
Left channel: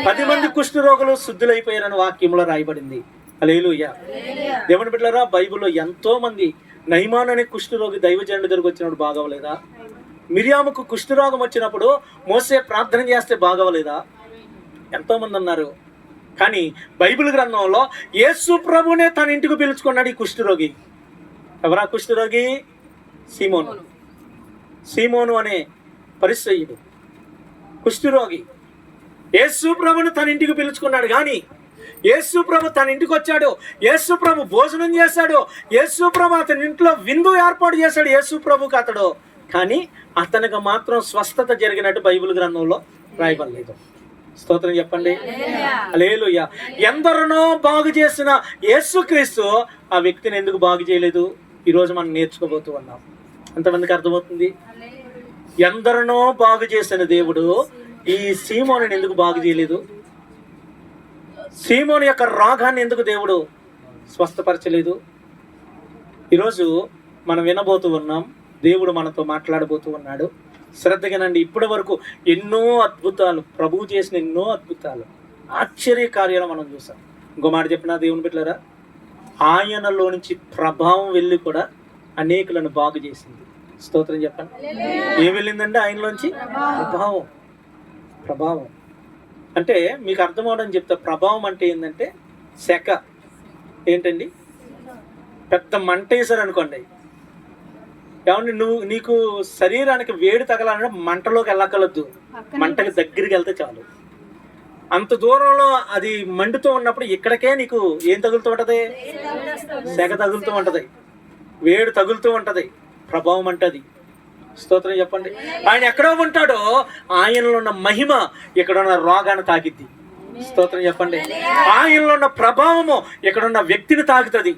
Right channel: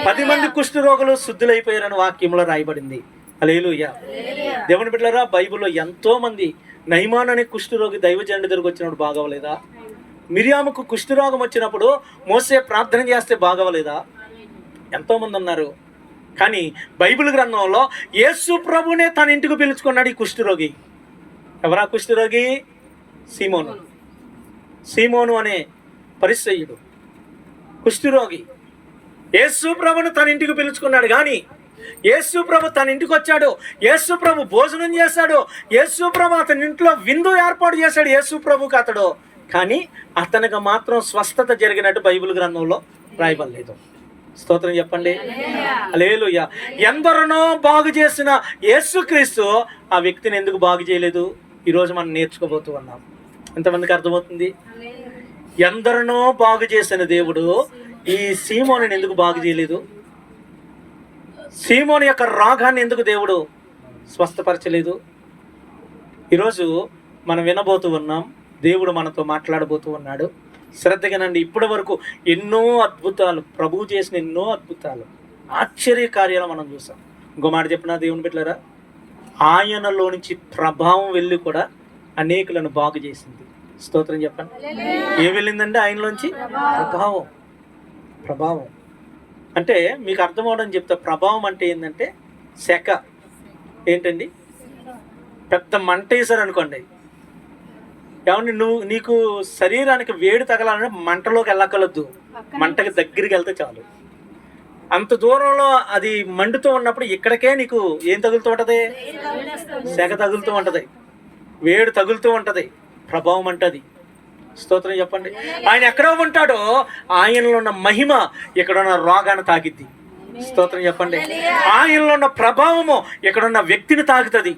10 మంది కుష్ఠరోగులు శుద్ధులైపోయారని వాక్యంలో రాయబడింది. హల్లెలూయా. దేవుని బిడ్డలారా, బైబిల్లో ఎంతో మంది, నయమాన్ అనే కుష్ఠరోగి దైవజనుడి దగ్గరికి వచ్చినప్పుడు బాగవలేదా? మిరియాముకు కుష్ఠరోగం వచ్చినప్పుడు మోసే ప్రార్థన చేస్తే బాగవలేదా? ఎంతో మంది ఉన్నారు. కానీ బైబిల్ గ్రంథంలో యేసు ప్రభునే తన ఇంటికి పిలుచుకున్నాడు ఈ కుష్ఠరోగి. ఎవరా కుష్ఠరోగి? సీమోను అనే పరిసయ్యుడు కుష్ఠరోగి. యేసు ప్రభును తన ఇంటికి పిలుచుకున్నాడు. కానీ యేసు ప్రభు తన ఇంటికి వచ్చాడు, యేసు ప్రభు భోజనం చేశాడు, యేసు ప్రభు అతని ఇంట్లో విందు ఏర్పాటు చేశాడు యేసు ప్రభుకి అతడు. కానీ అతనికి మాత్రం స్వస్థత జరిగినట్టు బైబిల్ గ్రంథంలో రాయబడలేదు. స్తోత్రం చెప్పండి. హల్లెలూయా. ఎందరినో బాగు చేసిన యేసుక్రీస్తు ఆ వ్యక్తిని ఎందుకు బాగు చేయలేదు? ఈరోజు మనం నేర్చుకోబోతూ ఉన్నాం. ఎంతమందికి అర్థమవుతుంది? ఎందరినో బాగు చేసిన దేవుడు ఈ సీమోను ఎందుకు బాగు చేయలేదు? సీమోను యొక్క రోగాన్ని ఎందుకు దేవుడు స్వస్థపరచలేదు? ఈరోజు మనం వినబోతూ ఉన్నాం, దేవుడు మనతో మాట్లాడబోతూ ఉన్నాడు. శ్రద్ధగానండి. ఇప్పటి వరకు ఎన్నో అద్భుతాలు, ప్రభువు చేసిన ఎన్నో అద్భుతాలు, ఆశ్చర్య కార్యాలు మనం చూసాం. ఇంకో మాట చెప్పినా దేవుని బిడ్డలారా, ఆయనలో నుంచి ప్రభావం వెళ్ళి కూడా అనేకులను బాగు చేసింది. స్తోత్రం చెప్పండి. ఏం వెళ్ళిందంటే ఆయనలోంచి ప్రభావం. అంటే మీకు అర్థం అవడం చెప్తా. ప్రభావం అంటే ఏంటంటే శక. ఏంటండి? పెద్ద మంట వేసారు అనుకోండి. ఏమండి, నీకు శరీరానికి వేడి తగలాలంటే మంటలోకి వెళ్ళకలొద్దు, మంటకి దగ్గరికి వెళ్తే చాలు. అంత దూరంలో అది మండుతూ ఉన్నప్పుడు ఇక్కడికే నీకు ఏం తగులుతూ ఉంటది? సెగ తగులుతూ ఉంటది, వేడి తగులుతూ ఉంటది. ప్రభావం అంటది. స్తోత్రం చెప్పండి. ఆయన ఎక్కడో ఉంటాడో ఆయనలో ఉన్న మహిమ ఇక్కడ ఉన్న రోగాన్ని తాకిద్ది. స్తోత్రం చెప్పండి. ఆయనలో ఉన్న ప్రభావము ఇక్కడున్న వ్యక్తిని తాకుతుంది.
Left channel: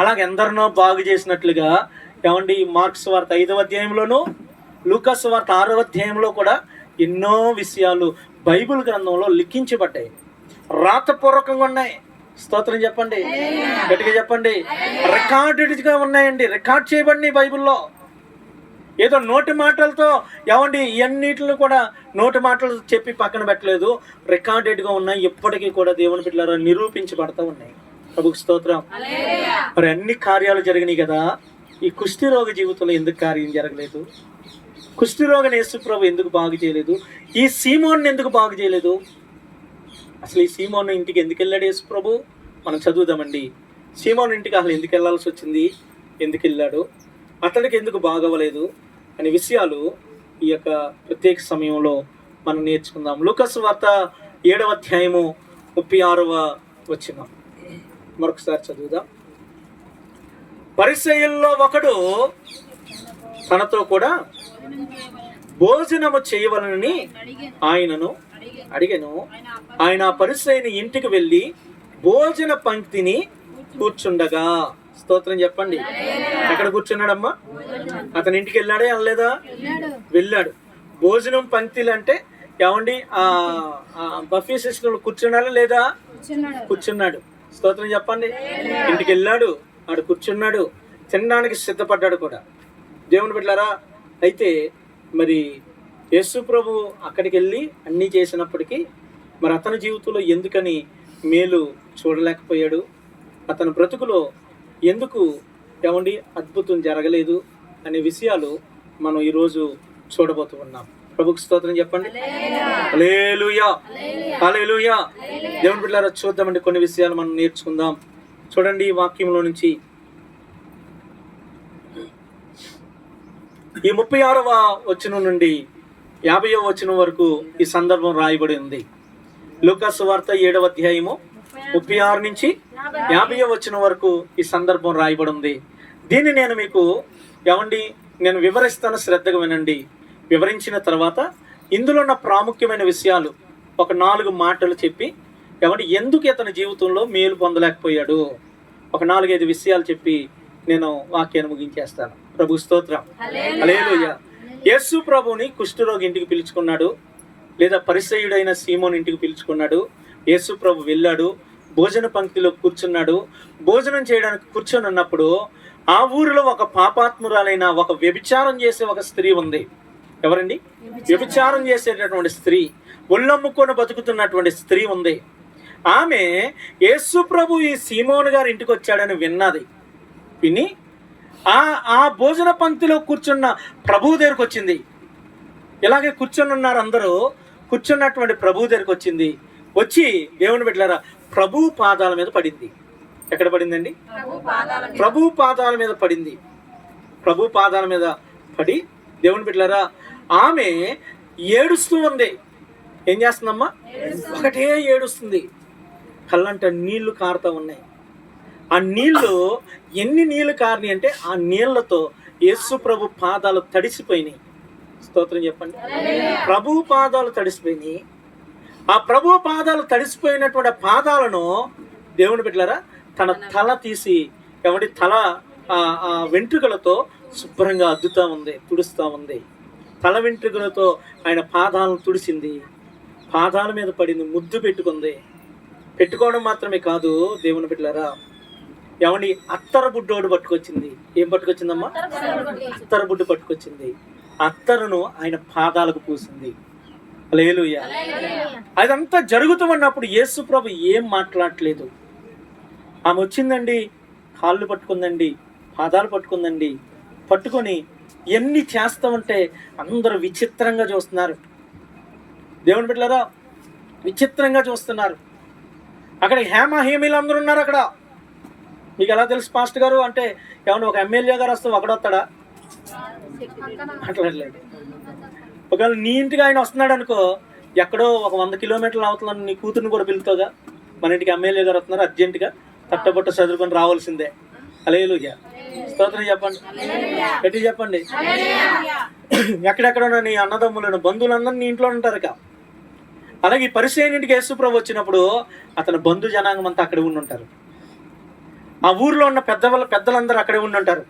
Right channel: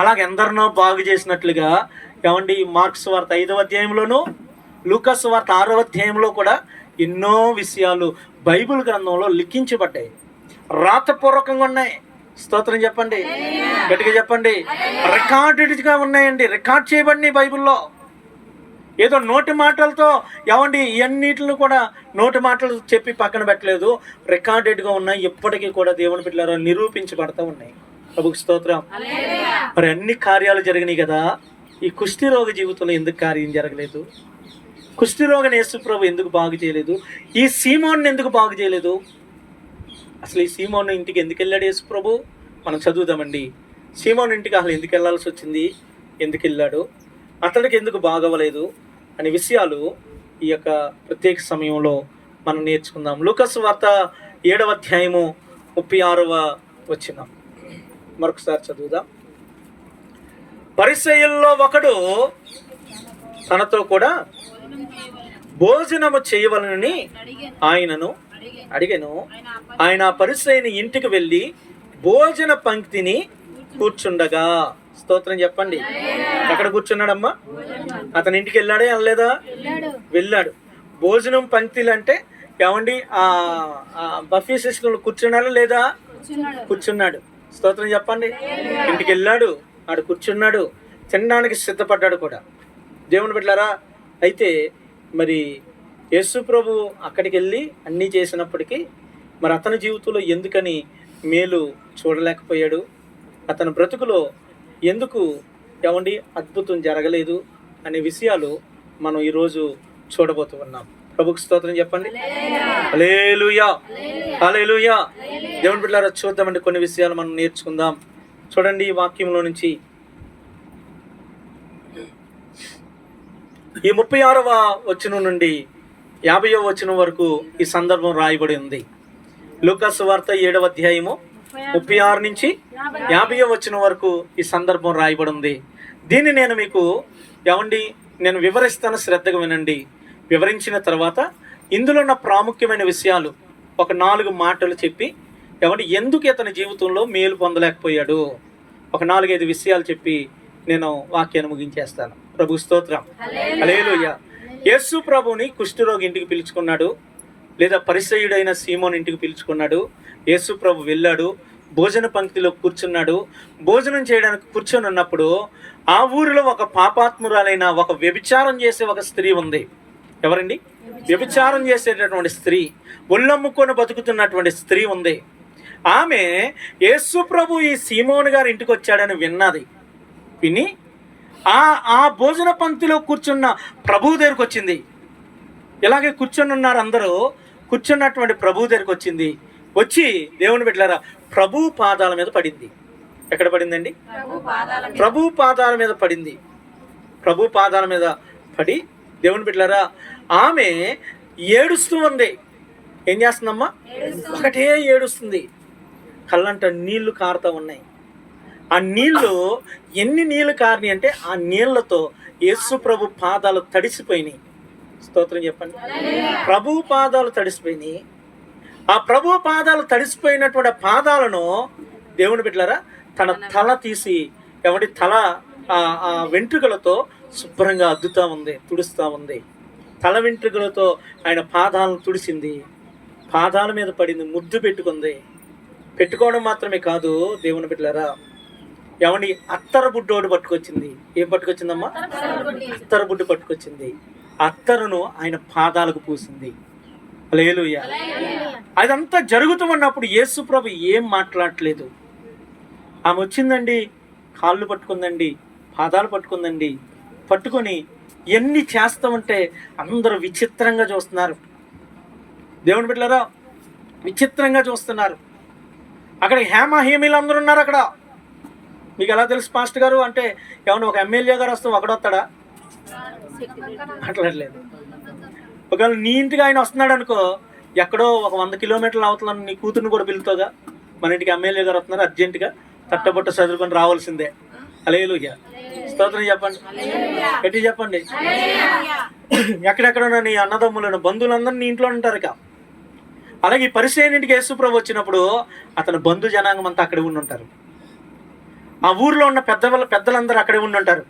అలాగే ఎందరినో బాగు చేసినట్లుగా ఏమండి మార్క్స్ వార్త 5వ అధ్యాయంలోనూ, లూకాసు వార్త 6వ అధ్యాయంలో కూడా ఎన్నో విషయాలు బైబిల్ గ్రంథంలో లిఖించబడ్డాయి, రాతపూర్వకంగా ఉన్నాయి. స్తోత్రం చెప్పండి, గట్టిగా చెప్పండి. రికార్డెడ్గా ఉన్నాయండి, రికార్డ్ చేయబడినాయి బైబిల్లో. ఏదో నోటి మాటలతో ఏమండి ఇవన్నిటిని కూడా నోటి మాటలు చెప్పి పక్కన పెట్టలేదు, రికార్డెడ్గా ఉన్నాయి. ఎప్పటికీ కూడా దేవుని బిడ్డలారా నిరూపించబడతా ఉన్నాయి. ప్రభుకి స్తోత్రం. మరి అన్ని కార్యాలు జరిగినాయి కదా, ఈ కుష్ఠరోగ జీవితంలో ఎందుకు కార్యం జరగలేదు? కుష్ఠరోగిని యేసు ప్రభు ఎందుకు బాగు చేయలేదు? ఈ సీమోన్ని ఎందుకు బాగు చేయలేదు? అసలు ఈ సీమోను ఇంటికి ఎందుకు వెళ్ళాడు యేసు ప్రభు? మనం చదువుదామండి. సీమోను ఇంటికి అసలు ఎందుకు వెళ్ళాల్సి వచ్చింది, ఎందుకు వెళ్ళాడు, అతడికి ఎందుకు బాగవ్వలేదు అనే విషయాలు ఈ యొక్క ప్రత్యేక సమయంలో మనం నేర్చుకుందాం. లూకాసు వార్త 7వ అధ్యాయము 36వ వచనం మరొకసారి చదువుదాం. పరిసయ్యుల్లో ఒకడు తనతో కూడా భోజనము చేయవలనని ఆయనను అడిగెను. ఆయన పరిసయ్యుని ఇంటికి వెళ్ళి భోజన పంక్తిని కూర్చుండగా, స్తోత్రం చెప్పండి, ఎక్కడ కూర్చున్నాడమ్మా? అతని ఇంటికి వెళ్ళాడే వెళ్ళలేదా? వెళ్ళాడు. భోజనం పంక్తిలు అంటే ఏమండి బఫే సిస్టంలో కూర్చున్నాడా లేదా? కూర్చున్నాడు. స్తోత్రం చెప్పండి. ఇంటికి వెళ్ళాడు, ఆడు కూర్చున్నాడు, తినడానికి సిద్ధపడ్డాడు కూడా. దేవుని బిడ్డలారా, అయితే మరి యేసు ప్రభు అక్కడికి వెళ్ళి అన్నీ చేసినప్పటికీ మరి అతని జీవితంలో ఎందుకని మేలు చూడలేకపోయాడు? అతని బ్రతుకులో ఎందుకు ఏమండి అద్భుతం జరగలేదు అనే విషయాలు మనం ఈరోజు చూడబోతూ ఉన్నాం. ప్రభుకి స్తోత్రం చెప్పండి. హల్లెలూయా, హల్లెలూయా. దేవుని బిడ్డలారా, చూద్దామండి, కొన్ని విషయాలు మనం నేర్చుకుందాం. చూడండి, ఈ వాక్యంలో నుంచి ఈ 36వ వచనం నుండి 50వ వచనం వరకు ఈ సందర్భం రాయబడి ఉంది. లూకాసు వార్త 7వ అధ్యాయము 36 నుంచి 50వ వచనం వరకు ఈ సందర్భం రాయబడి ఉంది. దీన్ని నేను మీకు నేను వివరిస్తాను, శ్రద్ధగా వినండి. వివరించిన తర్వాత ఇందులో ఉన్న ప్రాముఖ్యమైన విషయాలు ఒక 4 మాటలు చెప్పి ఎందుకు ఇతని జీవితంలో మేలు పొందలేకపోయాడు, ఒక 4-5 విషయాలు చెప్పి నేను వాక్యాన్ని ముగించేస్తాను. ప్రభు స్తోత్రం. హల్లెలూయా. యేసు ప్రభుని కుష్ఠరోగి ఇంటికి పిలుచుకున్నాడు, లేదా పరిసయ్యుడైన సీమోన్ ఇంటికి పిలుచుకున్నాడు. యేసు ప్రభు వెళ్ళాడు, భోజన పంక్తిలో కూర్చున్నాడు. భోజనం చేయడానికి కూర్చొని ఉన్నప్పుడు ఆ ఊరిలో ఒక పాపాత్మురాలైన, ఒక వ్యభిచారం చేసే ఒక స్త్రీ ఉంది. ఎవరండి? వ్యభిచారం చేసేటటువంటి స్త్రీ, ఒళ్ళమ్ముకొని బతుకుతున్నటువంటి స్త్రీ ఉంది. ఆమె యేసు ప్రభు ఈ సీమోను గారి ఇంటికి వచ్చాడని విన్నది. విని ఆ భోజన పంక్తిలో కూర్చున్న ప్రభువు దగ్గరికి వచ్చింది. ఇలాగే కూర్చొని ఉన్నారు అందరూ. కూర్చున్నటువంటి ప్రభువు దగ్గరికి వచ్చింది. వచ్చి దేవుని బిడ్డలారా ప్రభు పాదాల మీద పడింది. ఎక్కడ పడిందండి? ప్రభు పాదాల మీద పడింది. ప్రభు పాదాల మీద పడి దేవుని బిడ్డలారా ఆమె ఏడుస్తూ ఉంది. ఏం చేస్తుందమ్మా? ఒకటే ఏడుస్తుంది. కళ్ళంట నీళ్లు కారుతూ ఉన్నాయి. ఆ నీళ్లు ఎన్ని నీళ్లు కారినాయి అంటే ఆ నీళ్లతో యేసు ప్రభు పాదాలు తడిసిపోయినాయి. స్తోత్రం చెప్పండి. ప్రభు పాదాలు తడిసిపోయినాయి. ఆ ప్రభు పాదాలు తడిసిపోయినటువంటి పాదాలను దేవుని బిడ్డలారా తన తల తీసి తల ఆ వెంట్రుకలతో శుభ్రంగా అద్దుతా ఉంది, తుడుస్తూ ఉంది. తల వెంట్రుకలతో ఆయన పాదాలను తుడిసింది. పాదాల మీద పడింది, ముద్దు పెట్టుకుంది. పెట్టుకోవడం మాత్రమే కాదు దేవుని బిడ్డలారా, అత్తర బుడ్డోడు పట్టుకొచ్చింది. ఏం పట్టుకొచ్చిందమ్మా? అత్తర బుడ్డు పట్టుకొచ్చింది. అత్తరును ఆయన పాదాలకు పూసింది. హల్లెలూయా. అదంతా జరుగుతూ ఉన్నప్పుడు యేసు ప్రభు ఏం మాట్లాడట్లేదు. ఆమె వచ్చిందండి, కాళ్ళు పట్టుకుందండి, పాదాలు పట్టుకుందండి. పట్టుకొని ఎన్ని చేస్తామంటే అందరూ విచిత్రంగా చూస్తున్నారు. దేవుని బిడ్డలారా విచిత్రంగా చూస్తున్నారు. అక్కడ హేమహేమీలు అందరూ ఉన్నారు. అక్కడ మీకు ఎలా తెలుసు పాస్టర్ గారు అంటే ఒక ఎమ్మెల్యే గారు వస్తే ఒకడొస్తాడా? మాట్లాడలేదు. ఒకవేళ నీ ఇంటికి ఆయన వస్తున్నాడు అనుకో, ఎక్కడో ఒక 100 కిలోమీటర్లు అవతల నీ కూతురుని కూడా పిలుతావుగా. మన ఇంటికి ఎమ్మెల్యే గారు వస్తున్నారు, అర్జెంటుగా తట్టబొట్ట చదువుకొని రావాల్సిందే. హల్లెలూయా. స్తోత్రం చెప్పండి, గట్టి చెప్పండి. ఎక్కడెక్కడ నీ అన్నదమ్ములను, బంధువులందరూ నీ ఇంట్లో ఉంటారు. అలాగే ఈ పరిసయ్యుని ఇంటికి యేసు ప్రభు వచ్చినప్పుడు అతని బంధు జనాంగం అంతా అక్కడే ఉండి ఉంటారు. ఆ ఊరిలో ఉన్న పెద్దలందరూ అక్కడే ఉండి ఉంటారు.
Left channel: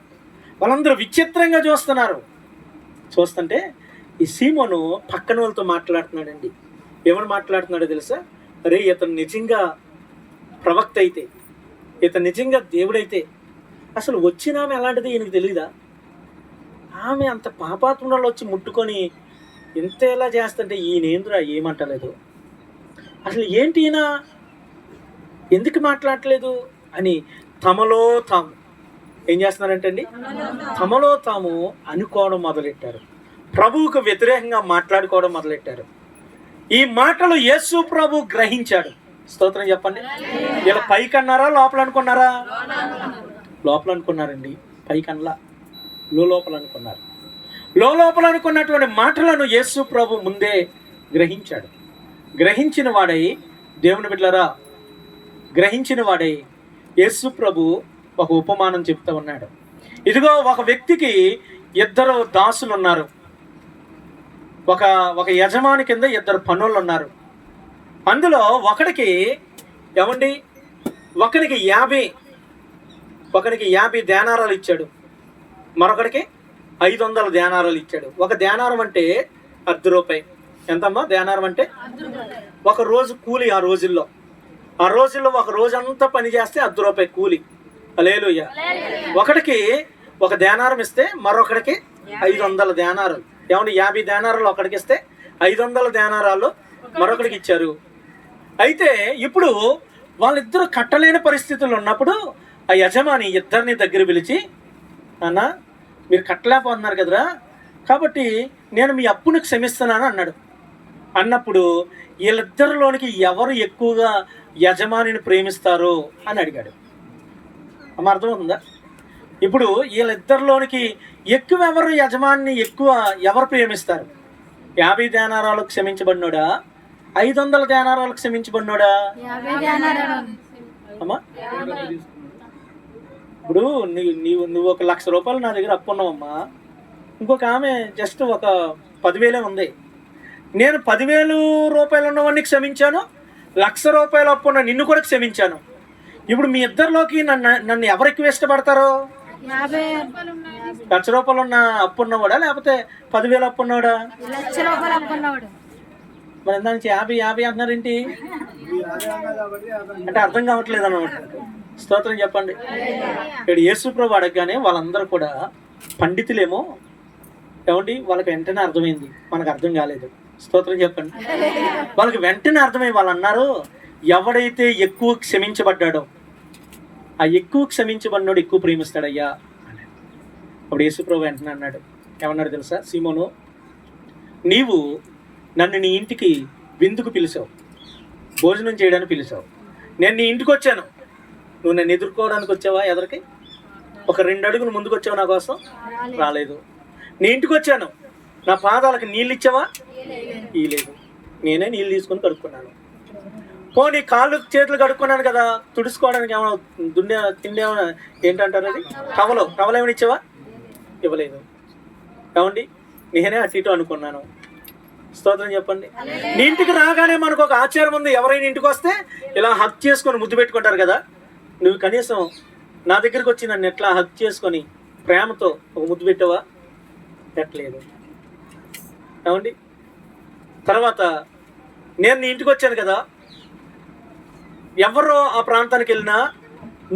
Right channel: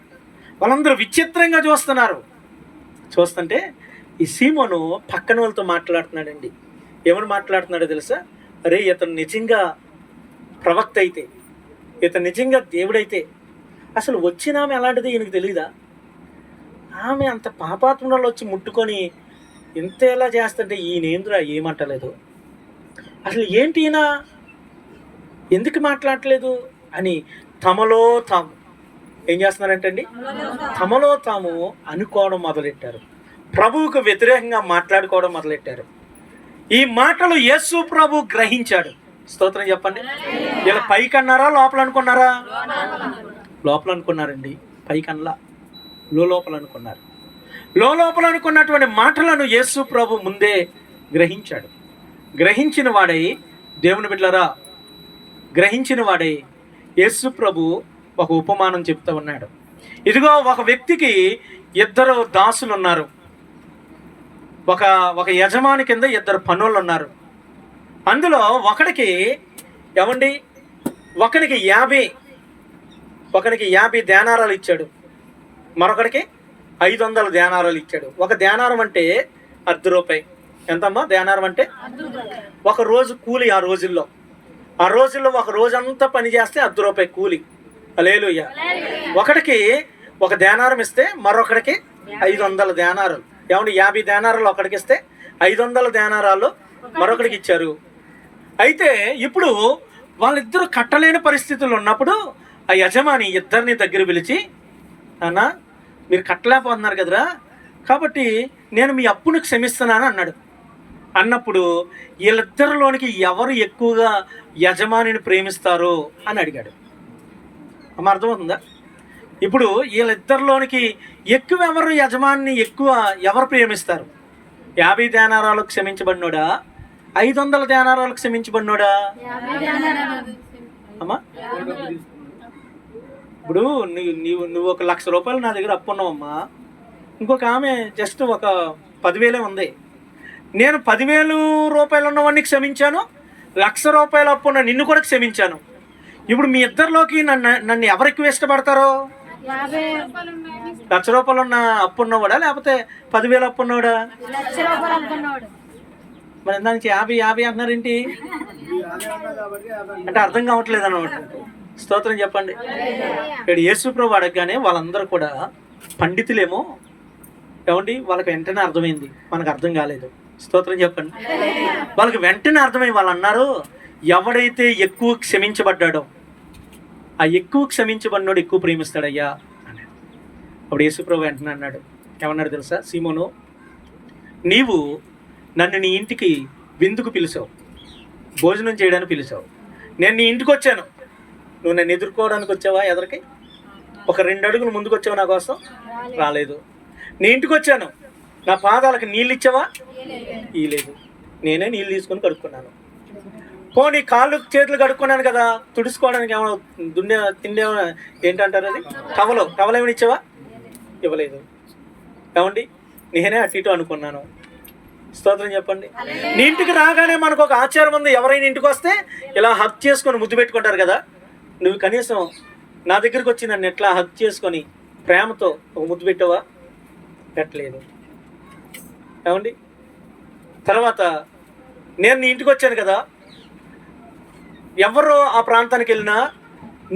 వాళ్ళందరూ విచిత్రంగా చూస్తున్నారు. చూస్తుంటే ఈ సీమోను పక్కన వాళ్ళతో మాట్లాడుతున్నాడండి. ఏమని మాట్లాడుతున్నాడో తెలుసా? అరే, ఇతను నిజంగా ప్రవక్త అయితే, ఇతను నిజంగా దేవుడైతే అసలు వచ్చిన ఆమె ఎలాంటిది ఈయనకు తెలియదా? ఆమె అంత పాపాత్మురాలు వచ్చి ముట్టుకొని ఇంత ఎలా చేస్తుంటే ఈయనేంద్రా ఏమంటలేదు, అసలు ఏంటి ఈయన ఎందుకు మాట్లాడట్లేదు అని తమలో తాము ఏం చేస్తున్నారంటే అండి, తమలో తాము అనుకోవడం మొదలెట్టారు. ప్రభువుకు వ్యతిరేకంగా మాట్లాడుకోవడం మొదలెట్టారు. ఈ మాటలు యేసు ప్రభు గ్రహించాడు. స్తోత్రం చెప్పండి. ఇలా పైకన్నారా లోపల అనుకున్నారా? లోపల అనుకున్నారండి. పైకన్లా లోపల అనుకున్నారు. లోపల అనుకున్నటువంటి మాటలను యేసు ప్రభు ముందే గ్రహించాడు. గ్రహించిన వాడై, దేవుని బిడ్డలారా, గ్రహించిన వాడై యేసు ప్రభు ఒక ఉపమానం చెప్తా ఉన్నాడు. ఇదిగో ఒక వ్యక్తికి ఇద్దరు దాసులు ఉన్నారు. ఒక యజమాని కింద ఇద్దరు పనులు ఉన్నారు. అందులో ఒకడికి ఏమండి, ఒకడికి 50 దేనారాలు ఇచ్చాడు, మరొకడికి 500 దేనారాలు ఇచ్చాడు. ఒక దేనారం అంటే ₹10. ఎంతమ్మా దేనారం అంటే? ఒక రోజు కూలి. ఆ రోజుల్లో ఒక రోజంతా పని చేస్తే ₹10 కూలి. హల్లెలూయా. ఒకడికి ఒక దేనారం ఇస్తే మరొకడికి 500 దేనారాలు. ఏమండి, 50 దేనారాలు ఒకడికి ఇస్తే 500 దేనారాలు మరొకడికి ఇచ్చారు. అయితే ఇప్పుడు వాళ్ళిద్దరూ కట్టలేని పరిస్థితులు ఉన్నప్పుడు ఆ యజమాని ఇద్దరిని దగ్గర పిలిచి, అన్న మీరు కట్టలేకపోతున్నారు కదరా, కాబట్టి నేను మీ అప్పును క్షమిస్తున్నాను అన్నాడు. అన్నప్పుడు వీళ్ళిద్దరిలోనికి ఎవరు ఎక్కువగా యజమానిని ప్రేమిస్తారో అని అడిగాడు. అమ్మ, అర్థమవుతుందా? ఇప్పుడు వీళ్ళిద్దరిలోనికి ఎవరు యజమానిని ఎవరు ప్రేమిస్తారు? 50 దేనారాలు క్షమించబడినోడా, 500 దేనారాలు క్షమించబడినోడా? అమ్మా, ఇప్పుడు నువ్వు ₹1,00,000 నా దగ్గర అప్పు ఉన్నావమ్మా. ఇంకొక ఆమె జస్ట్ ఒక 10,000 ఉంది. నేను 10,000 ఉన్నవాడిని క్షమించాను, ₹1,00,000 అప్పు ఉన్న నిన్ను కూడా క్షమించాను. ఇప్పుడు మీ ఇద్దరిలోకి నన్ను ఎవరు ఎక్కువ ఇష్టపడతారో? ₹1,00,000 ఉన్న అప్పు ఉన్నవాడా, లేకపోతే 10,000 అప్పు ఉన్నవాడా? మరి దానికి 50 అంటున్నారేంటి అంటే అర్థం కావట్లేదు అన్నమాట. స్తోత్రం చెప్పండి. ఇక్కడ యేసు ప్రభు అడగగానే వాళ్ళందరూ కూడా పండితులేమో, ఏమండి, వాళ్ళకి వెంటనే అర్థమైంది, మనకు అర్థం కాలేదు. స్తోత్రం చెప్పండి. వాళ్ళకి వెంటనే అర్థమై వాళ్ళు అన్నారు, ఎవడైతే ఎక్కువ క్షమించబడ్డాడో ఆ ఎక్కువ క్షమించబడినోడు ఎక్కువ ప్రేమిస్తాడయ్యా అన్నాడు. అప్పుడు యేసు ప్రభు వెంటనే అన్నాడు, ఏమన్నాడు తెలుసా? సీమోను, నీవు నన్ను నీ ఇంటికి విందుకు పిలిచావు, భోజనం చేయడానికి పిలిచావు. నేను నీ ఇంటికి వచ్చాను, నువ్వు నన్ను ఎదుర్కోవడానికి వచ్చావా? ఎదరికి ఒక 2 అడుగులు ముందుకు వచ్చావు, నా కోసం రాలేదు. నీ ఇంటికి వచ్చాను, నా పాదాలకు నీళ్ళు ఇచ్చావా? ఇలేదు. నేనే నీళ్ళు తీసుకొని కడుక్కున్నాను. పోనీ కాళ్ళు చేతులు కడుక్కున్నాను కదా, తుడుచుకోవడానికి ఏమైనా తిండేమైనా ఏంటంటారు అది, టవలో ఏమైనా ఇచ్చావా? ఇవ్వలేదు. ఏమండి, నేనే అటు ఇటు అనుకున్నాను. స్తోత్రం చెప్పండి. నీ ఇంటికి రాగానే మనకు ఒక ఆచారం ఉంది, ఎవరైనా ఇంటికి వస్తే ఇలా హక్ చేసుకొని ముద్దు పెట్టుకుంటారు కదా. నువ్వు కనీసం నా దగ్గరికి వచ్చి నన్ను ఎట్లా హక్ చేసుకొని ప్రేమతో ఒక ముద్దు పెట్టావా? పెట్టలేదు. ఏమండి, తర్వాత నేను నీ ఇంటికి వచ్చాను కదా, ఎవరు ఆ ప్రాంతానికి వెళ్ళినా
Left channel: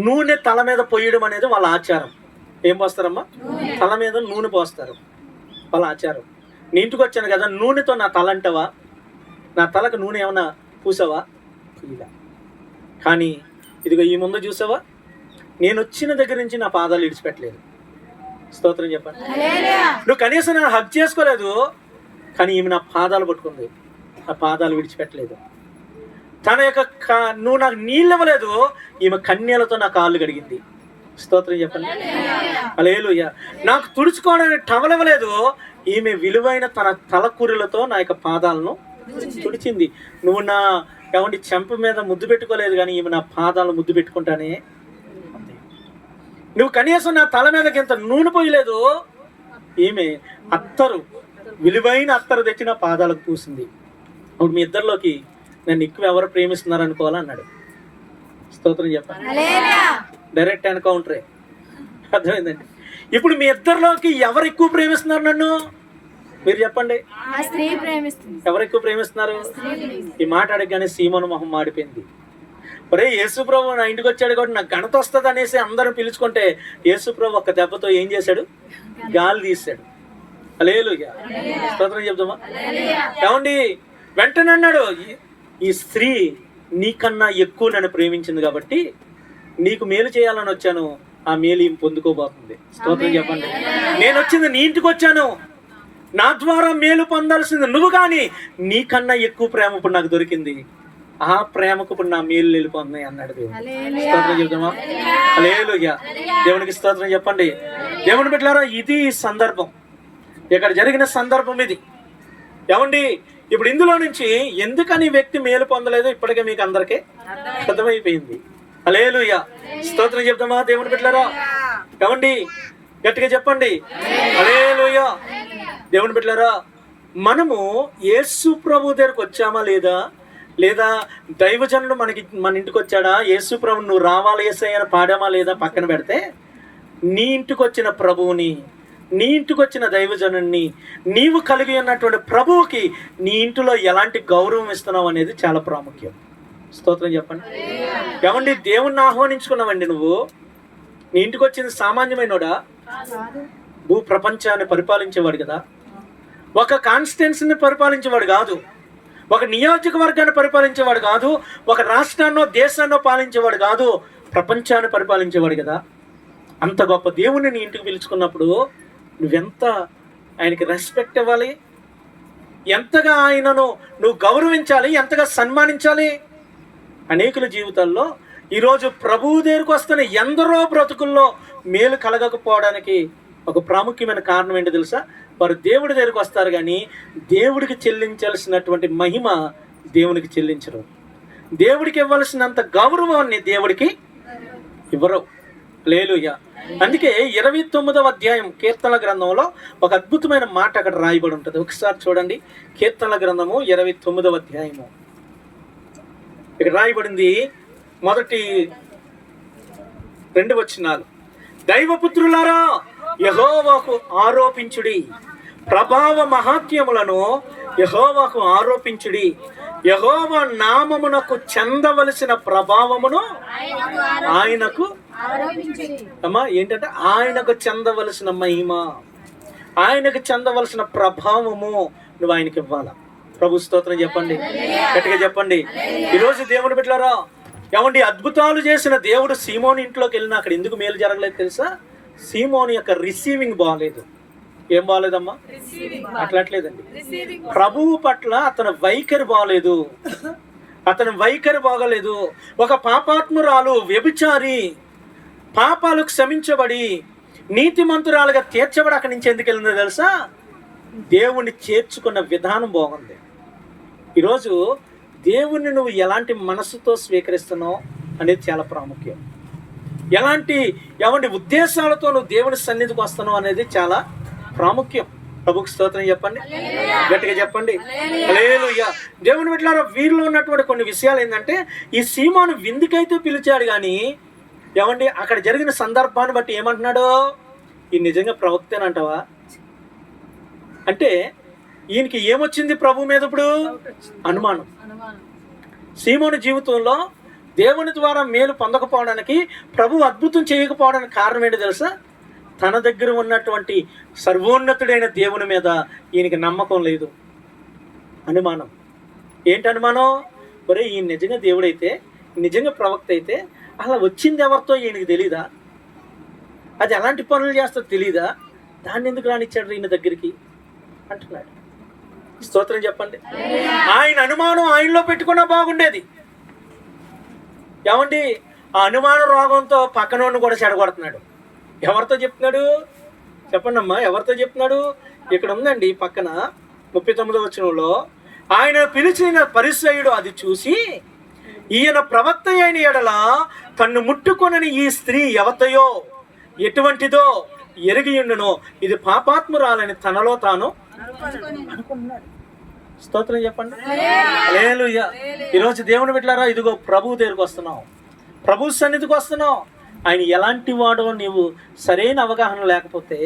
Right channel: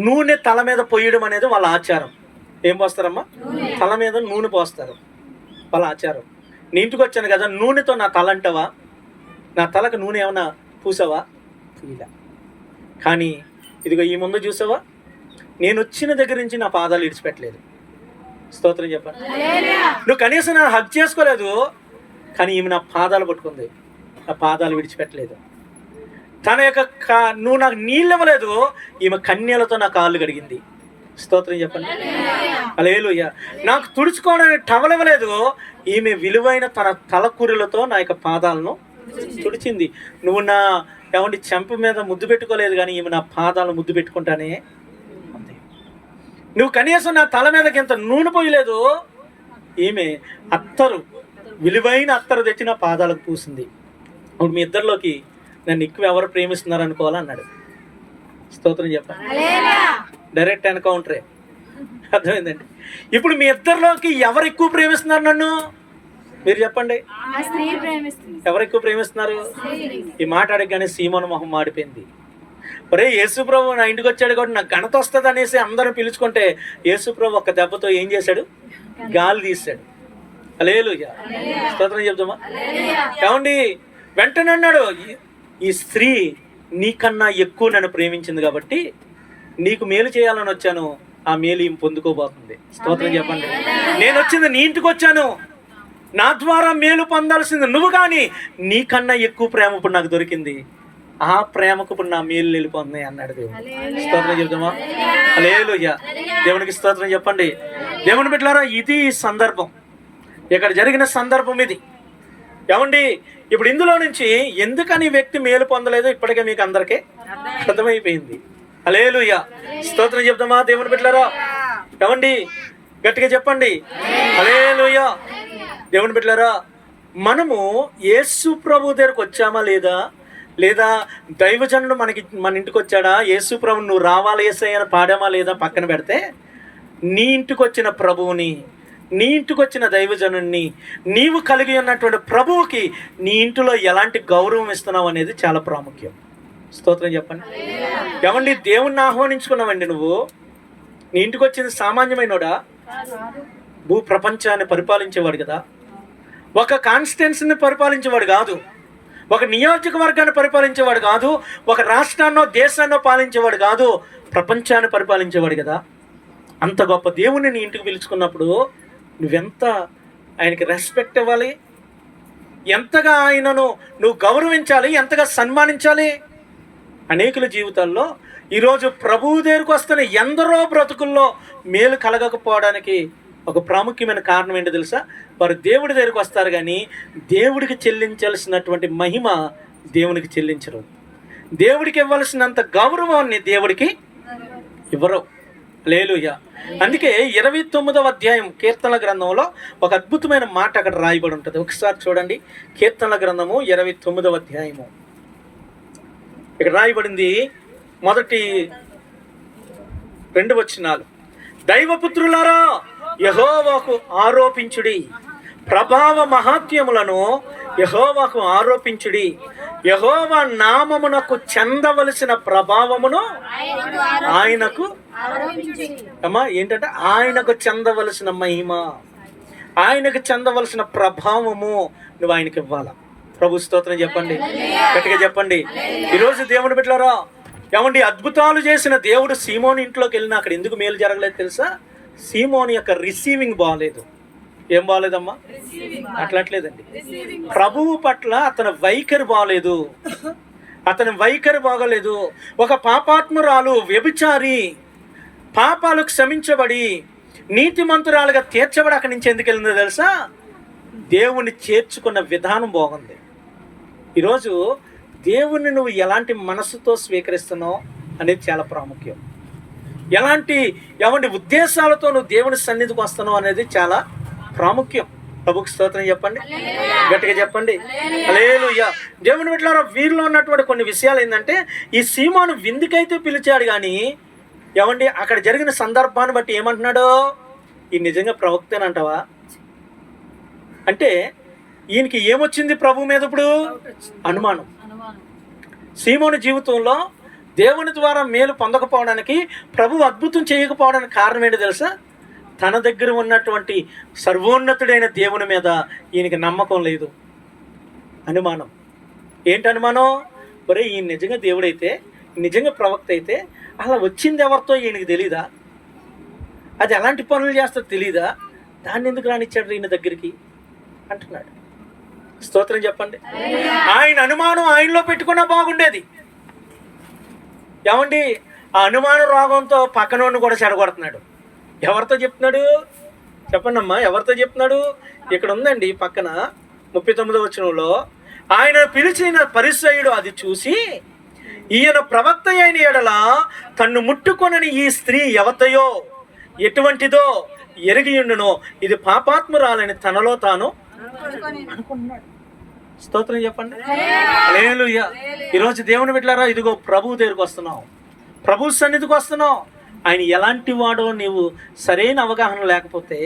నూనె తల మీద పోయడం అనేది వాళ్ళ ఆచారం. ఏం పోస్తారమ్మా? తల మీద నూనె పోస్తారు, వాళ్ళ ఆచారం. నీ ఇంటికి వచ్చాను కదా, నూనెతో నా తల అంటావా? నా తలకు నూనె ఏమన్నా పూసావా? ఇలా. కానీ ఇదిగో ఈ ముందు చూసావా, నేను వచ్చిన దగ్గర నుంచి నా పాదాలు విడిచిపెట్టలేదు. స్తోత్రం చెప్పండి. నువ్వు కనీసం నన్ను హగ్ చేసుకోలేదు, కానీ ఈమె నా పాదాలు పట్టుకుంది, నా పాదాలు విడిచిపెట్టలేదు. తన యొక్క నువ్వు నాకు నీళ్ళు ఇవ్వలేదు, ఈమె కన్యలతో నా కాళ్ళు కడిగింది. స్తోత్రం చెప్పండి. హల్లెలూయా. నాకు తుడుచుకోవడానికి టవల్ ఇవ్వలేదు, ఈమె విలువైన తన తలకూరులతో నా యొక్క పాదాలను తుడిచింది. నువ్వు నా ఏమండి చెంప మీద ముద్దు పెట్టుకోలేదు, కానీ ఈమె నా పాదాలను ముద్దు పెట్టుకుంటానే. నువ్వు కనీసం నా తల మీదకి ఇంత నూనె పోయలేదు, ఈమె విలువైన అత్తరు తెచ్చి నా పాదాలకు పూసింది. అప్పుడు మీ ఇద్దరిలోకి నన్ను ఎక్కువ ఎవరు ప్రేమిస్తున్నారు అనుకోవాలన్నాడు. స్తోత్రం చెప్పండి. డైరెక్ట్ ఎన్కౌంటరే. అర్థమైందండి. ఇప్పుడు మీ ఇద్దరిలోకి ఎవరు ఎక్కువ ప్రేమిస్తున్నారు నన్ను? మీరు చెప్పండి. ఎవరు ఎక్కువ ప్రేమిస్తున్నారు? ఈ మాట అడగగానే సీమోను మొహం మాడిపోయింది. ఒరే, యేసుప్రభు నా ఇంటికి వచ్చాడు కాబట్టి నాకు ఘనత వస్తుంది అనేసి అందరం పిలుచుకుంటే యేసుప్రభు ఒక్క దెబ్బతో ఏం చేశాడు? గాలి తీశాడు. హల్లెలూయా, స్తోత్రం చెప్తామా? ఏమండి, వెంటనే అన్నాడు, ఈ స్త్రీ నీకన్నా ఎక్కువ నన్ను ప్రేమించింది కాబట్టి నీకు మేలు చేయాలని వచ్చాను, ఆ మేలు ఈమె పొందుకోబోతుంది. స్తోత్రం చెప్పండి. నేను వచ్చింది నీ ఇంటికి వచ్చాను, నా ద్వారా మేలు పొందాల్సింది నువ్వు, కానీ నీకన్నా ఎక్కువ ప్రేమ ఇప్పుడు నాకు దొరికింది, ఆ ప్రేమకు ఇప్పుడు నా మేలు వెళ్ళిపోతుంది అన్నాడు దేవుడు. స్తోత్రం చెప్తామా? హల్లెలూయా, దేవునికి స్తోత్రం చెప్పండి. దేవుని బిడ్డలారా, ఇది సందర్భం, ఇక్కడ జరిగిన సందర్భం ఇది. ఏమండి, ఇప్పుడు ఇందులో నుంచి ఎందుకని వ్యక్తి మేలు పొందలేదో ఇప్పటికే మీకు అందరికీ అర్థమైపోయింది. హల్లెలూయా, స్తోత్రం చెప్తామా దేవుని బిడ్డలారా? ఏమండి, గట్టిగా చెప్పండి హల్లెలూయా. దేవుని బిడ్డలారా, మనము యేసు ప్రభు దగ్గరకు వచ్చామా లేదా, లేదా దైవజనుడు మన ఇంటికి వచ్చాడా, యేసు ప్రభు నువ్వు రావాలి యేసయ్య అని పాడామా లేదా పక్కన పెడితే, నీ ఇంటికి వచ్చిన ప్రభువుని, నీ ఇంటికి వచ్చిన దైవజనుడిని, నీవు కలిగి ఉన్నటువంటి ప్రభువుకి నీ ఇంటిలో ఎలాంటి గౌరవం ఇస్తున్నావు అనేది చాలా ప్రాముఖ్యం. స్తోత్రం చెప్పండి. ఏమండి, దేవుణ్ణి ఆహ్వానించుకున్నావండి, నువ్వు నీ ఇంటికి వచ్చింది సామాన్యమైనోడా? భూ ప్రపంచాన్ని పరిపాలించేవాడు కదా, ఒక కాన్స్టిట్యున్సీని పరిపాలించేవాడు కాదు, ఒక నియోజకవర్గాన్ని పరిపాలించేవాడు కాదు, ఒక రాష్ట్రాన్నో దేశాన్నో పాలించేవాడు కాదు, ప్రపంచాన్ని పరిపాలించేవాడు కదా. అంత గొప్ప దేవుని నీ ఇంటికి పిలుచుకున్నప్పుడు నువ్వెంత ఆయనకి రెస్పెక్ట్ ఇవ్వాలి, ఎంతగా ఆయనను నువ్వు గౌరవించాలి, ఎంతగా సన్మానించాలి. అనేకుల జీవితాల్లో ఈరోజు ప్రభువు దగ్గరకు వస్తున్న ఎందరో బ్రతుకుల్లో మేలు కలగకపోవడానికి ఒక ప్రాముఖ్యమైన కారణం ఏంటో తెలుసా? వారు దేవుడి దగ్గరికి వస్తారు కానీ దేవుడికి చెల్లించాల్సినటువంటి మహిమ దేవునికి చెల్లించరు, దేవుడికి ఇవ్వాల్సినంత గౌరవాన్ని దేవుడికి ఇవ్వరు. హల్లెలూయా. అందుకే 29వ అధ్యాయం కీర్తనల గ్రంథంలో ఒక అద్భుతమైన మాట అక్కడ రాయబడి ఉంటుంది. ఒకసారి చూడండి, కీర్తనల గ్రంథము 29వ అధ్యాయము. ఇక్కడ రాయబడింది మొదటి 2 వచనాలు. దైవపుత్రులారా, యెహోవాకు ఆరోపించుడి, ప్రభావ మహాత్యములను యెహోవాకు ఆరోపించుడి, యెహోవా నామమునకు చెందవలసిన ప్రభావమును ఆయనకు ఏంటంటే ఆయనకు చెందవలసిన మహిమ, ఆయనకు చెందవలసిన ప్రభావము నువ్వు ఆయనకి ఇవ్వాలా. ప్రభు స్తోత్రం చెప్పండి, గట్టిగా చెప్పండి. ఈరోజు దేవుని బిడ్డలారా, ఏమండి, అద్భుతాలు చేసిన దేవుడు సీమోని ఇంట్లోకి వెళ్ళినా అక్కడ ఎందుకు మేలు జరగలేదు తెలుసా? సీమోని యొక్క రిసీవింగ్ బాగలేదు. ఏం బాగలేదమ్మా? అట్లట్లేదండి, ప్రభువు పట్ల అతని వైఖరి బాగలేదు, అతని వైఖరి బాగలేదు. ఒక పాపాత్మురాలు, వ్యభిచారి, పాపాలు క్షమించబడి నీతిమంతురాలుగా తీర్చబడి అక్కడి నుంచి ఎందుకు వెళ్ళిందో తెలుసా? దేవుణ్ణి చేర్చుకున్న విధానం బాగుంది. ఈరోజు దేవుణ్ణి నువ్వు ఎలాంటి మనసుతో స్వీకరిస్తున్నావు అనేది చాలా ప్రాముఖ్యం. ఎలాంటి ఉద్దేశాలతో నువ్వు దేవుని సన్నిధికి వస్తున్నావు అనేది చాలా ప్రాముఖ్యం. ప్రభుకి స్తోత్రం చెప్పండి, గట్టిగా చెప్పండి హల్లెలూయా. దేవుని బిడ్డలారా, వీరిలో ఉన్నటువంటి కొన్ని విషయాలు ఏంటంటే, ఈ సీమోను విందుకైతే పిలిచాడు కానీ అక్కడ జరిగిన సందర్భాన్ని బట్టి ఏమంటున్నాడు? ఈ నిజంగా ప్రవక్తేనంటావా అంటే ఈయనకి ఏమొచ్చింది ప్రభు మీద? ఇప్పుడు అనుమానం. సీమోను జీవితంలో దేవుని ద్వారా మేలు పొందకపోవడానికి, ప్రభు అద్భుతం చేయకపోవడానికి కారణం ఏంటో తెలుసా? తన దగ్గర ఉన్నటువంటి సర్వోన్నతుడైన దేవుని మీద ఈయనకి నమ్మకం లేదు, అనుమానం. ఏంటి అనుమానం? ఒరే, ఈయన నిజంగా దేవుడైతే, నిజంగా ప్రవక్త అయితే అలా వచ్చింది ఎవరితో ఈయనకి తెలీదా? అది ఎలాంటి పనులు చేస్తో తెలీదా? దాన్ని ఎందుకు రానిచ్చాడు ఈయన దగ్గరికి అంటున్నాడు. స్తోత్రం చెప్పండి. ఆయన అనుమానం ఆయనలో పెట్టుకున్నా బాగుండేది. ఏమండి, ఆ అనుమాన రోగంతో పక్కనోడిని కూడా చెడగొడుతున్నాడు. ఎవరితో చెప్తున్నాడు చెప్పండి అమ్మా, ఎవరితో చెప్తున్నాడు? ఇక్కడ ఉందండి పక్కన 39వ వచనంలో, ఆయన పిలిచిన పరిసయ్యుడు అది చూసి, ఈయన ప్రవక్త అయిన ఎడల తన్ను ముట్టుకొనని ఈ స్త్రీ ఎవతయో ఎటువంటిదో ఎరిగియుండునో, ఇది పాపాత్మురాలని తనలో తాను అనుకున్నాడు. స్తోత్రం చెప్పండి హల్లెలూయా. ఈరోజు దేవుని బిడ్డలారా, ఇదిగో ప్రభు దగ్గరికి వస్తున్నాం, ప్రభు సన్నిధికి వస్తున్నాం. ఆయన ఎలాంటి వాడో నీవు సరైన అవగాహన లేకపోతే,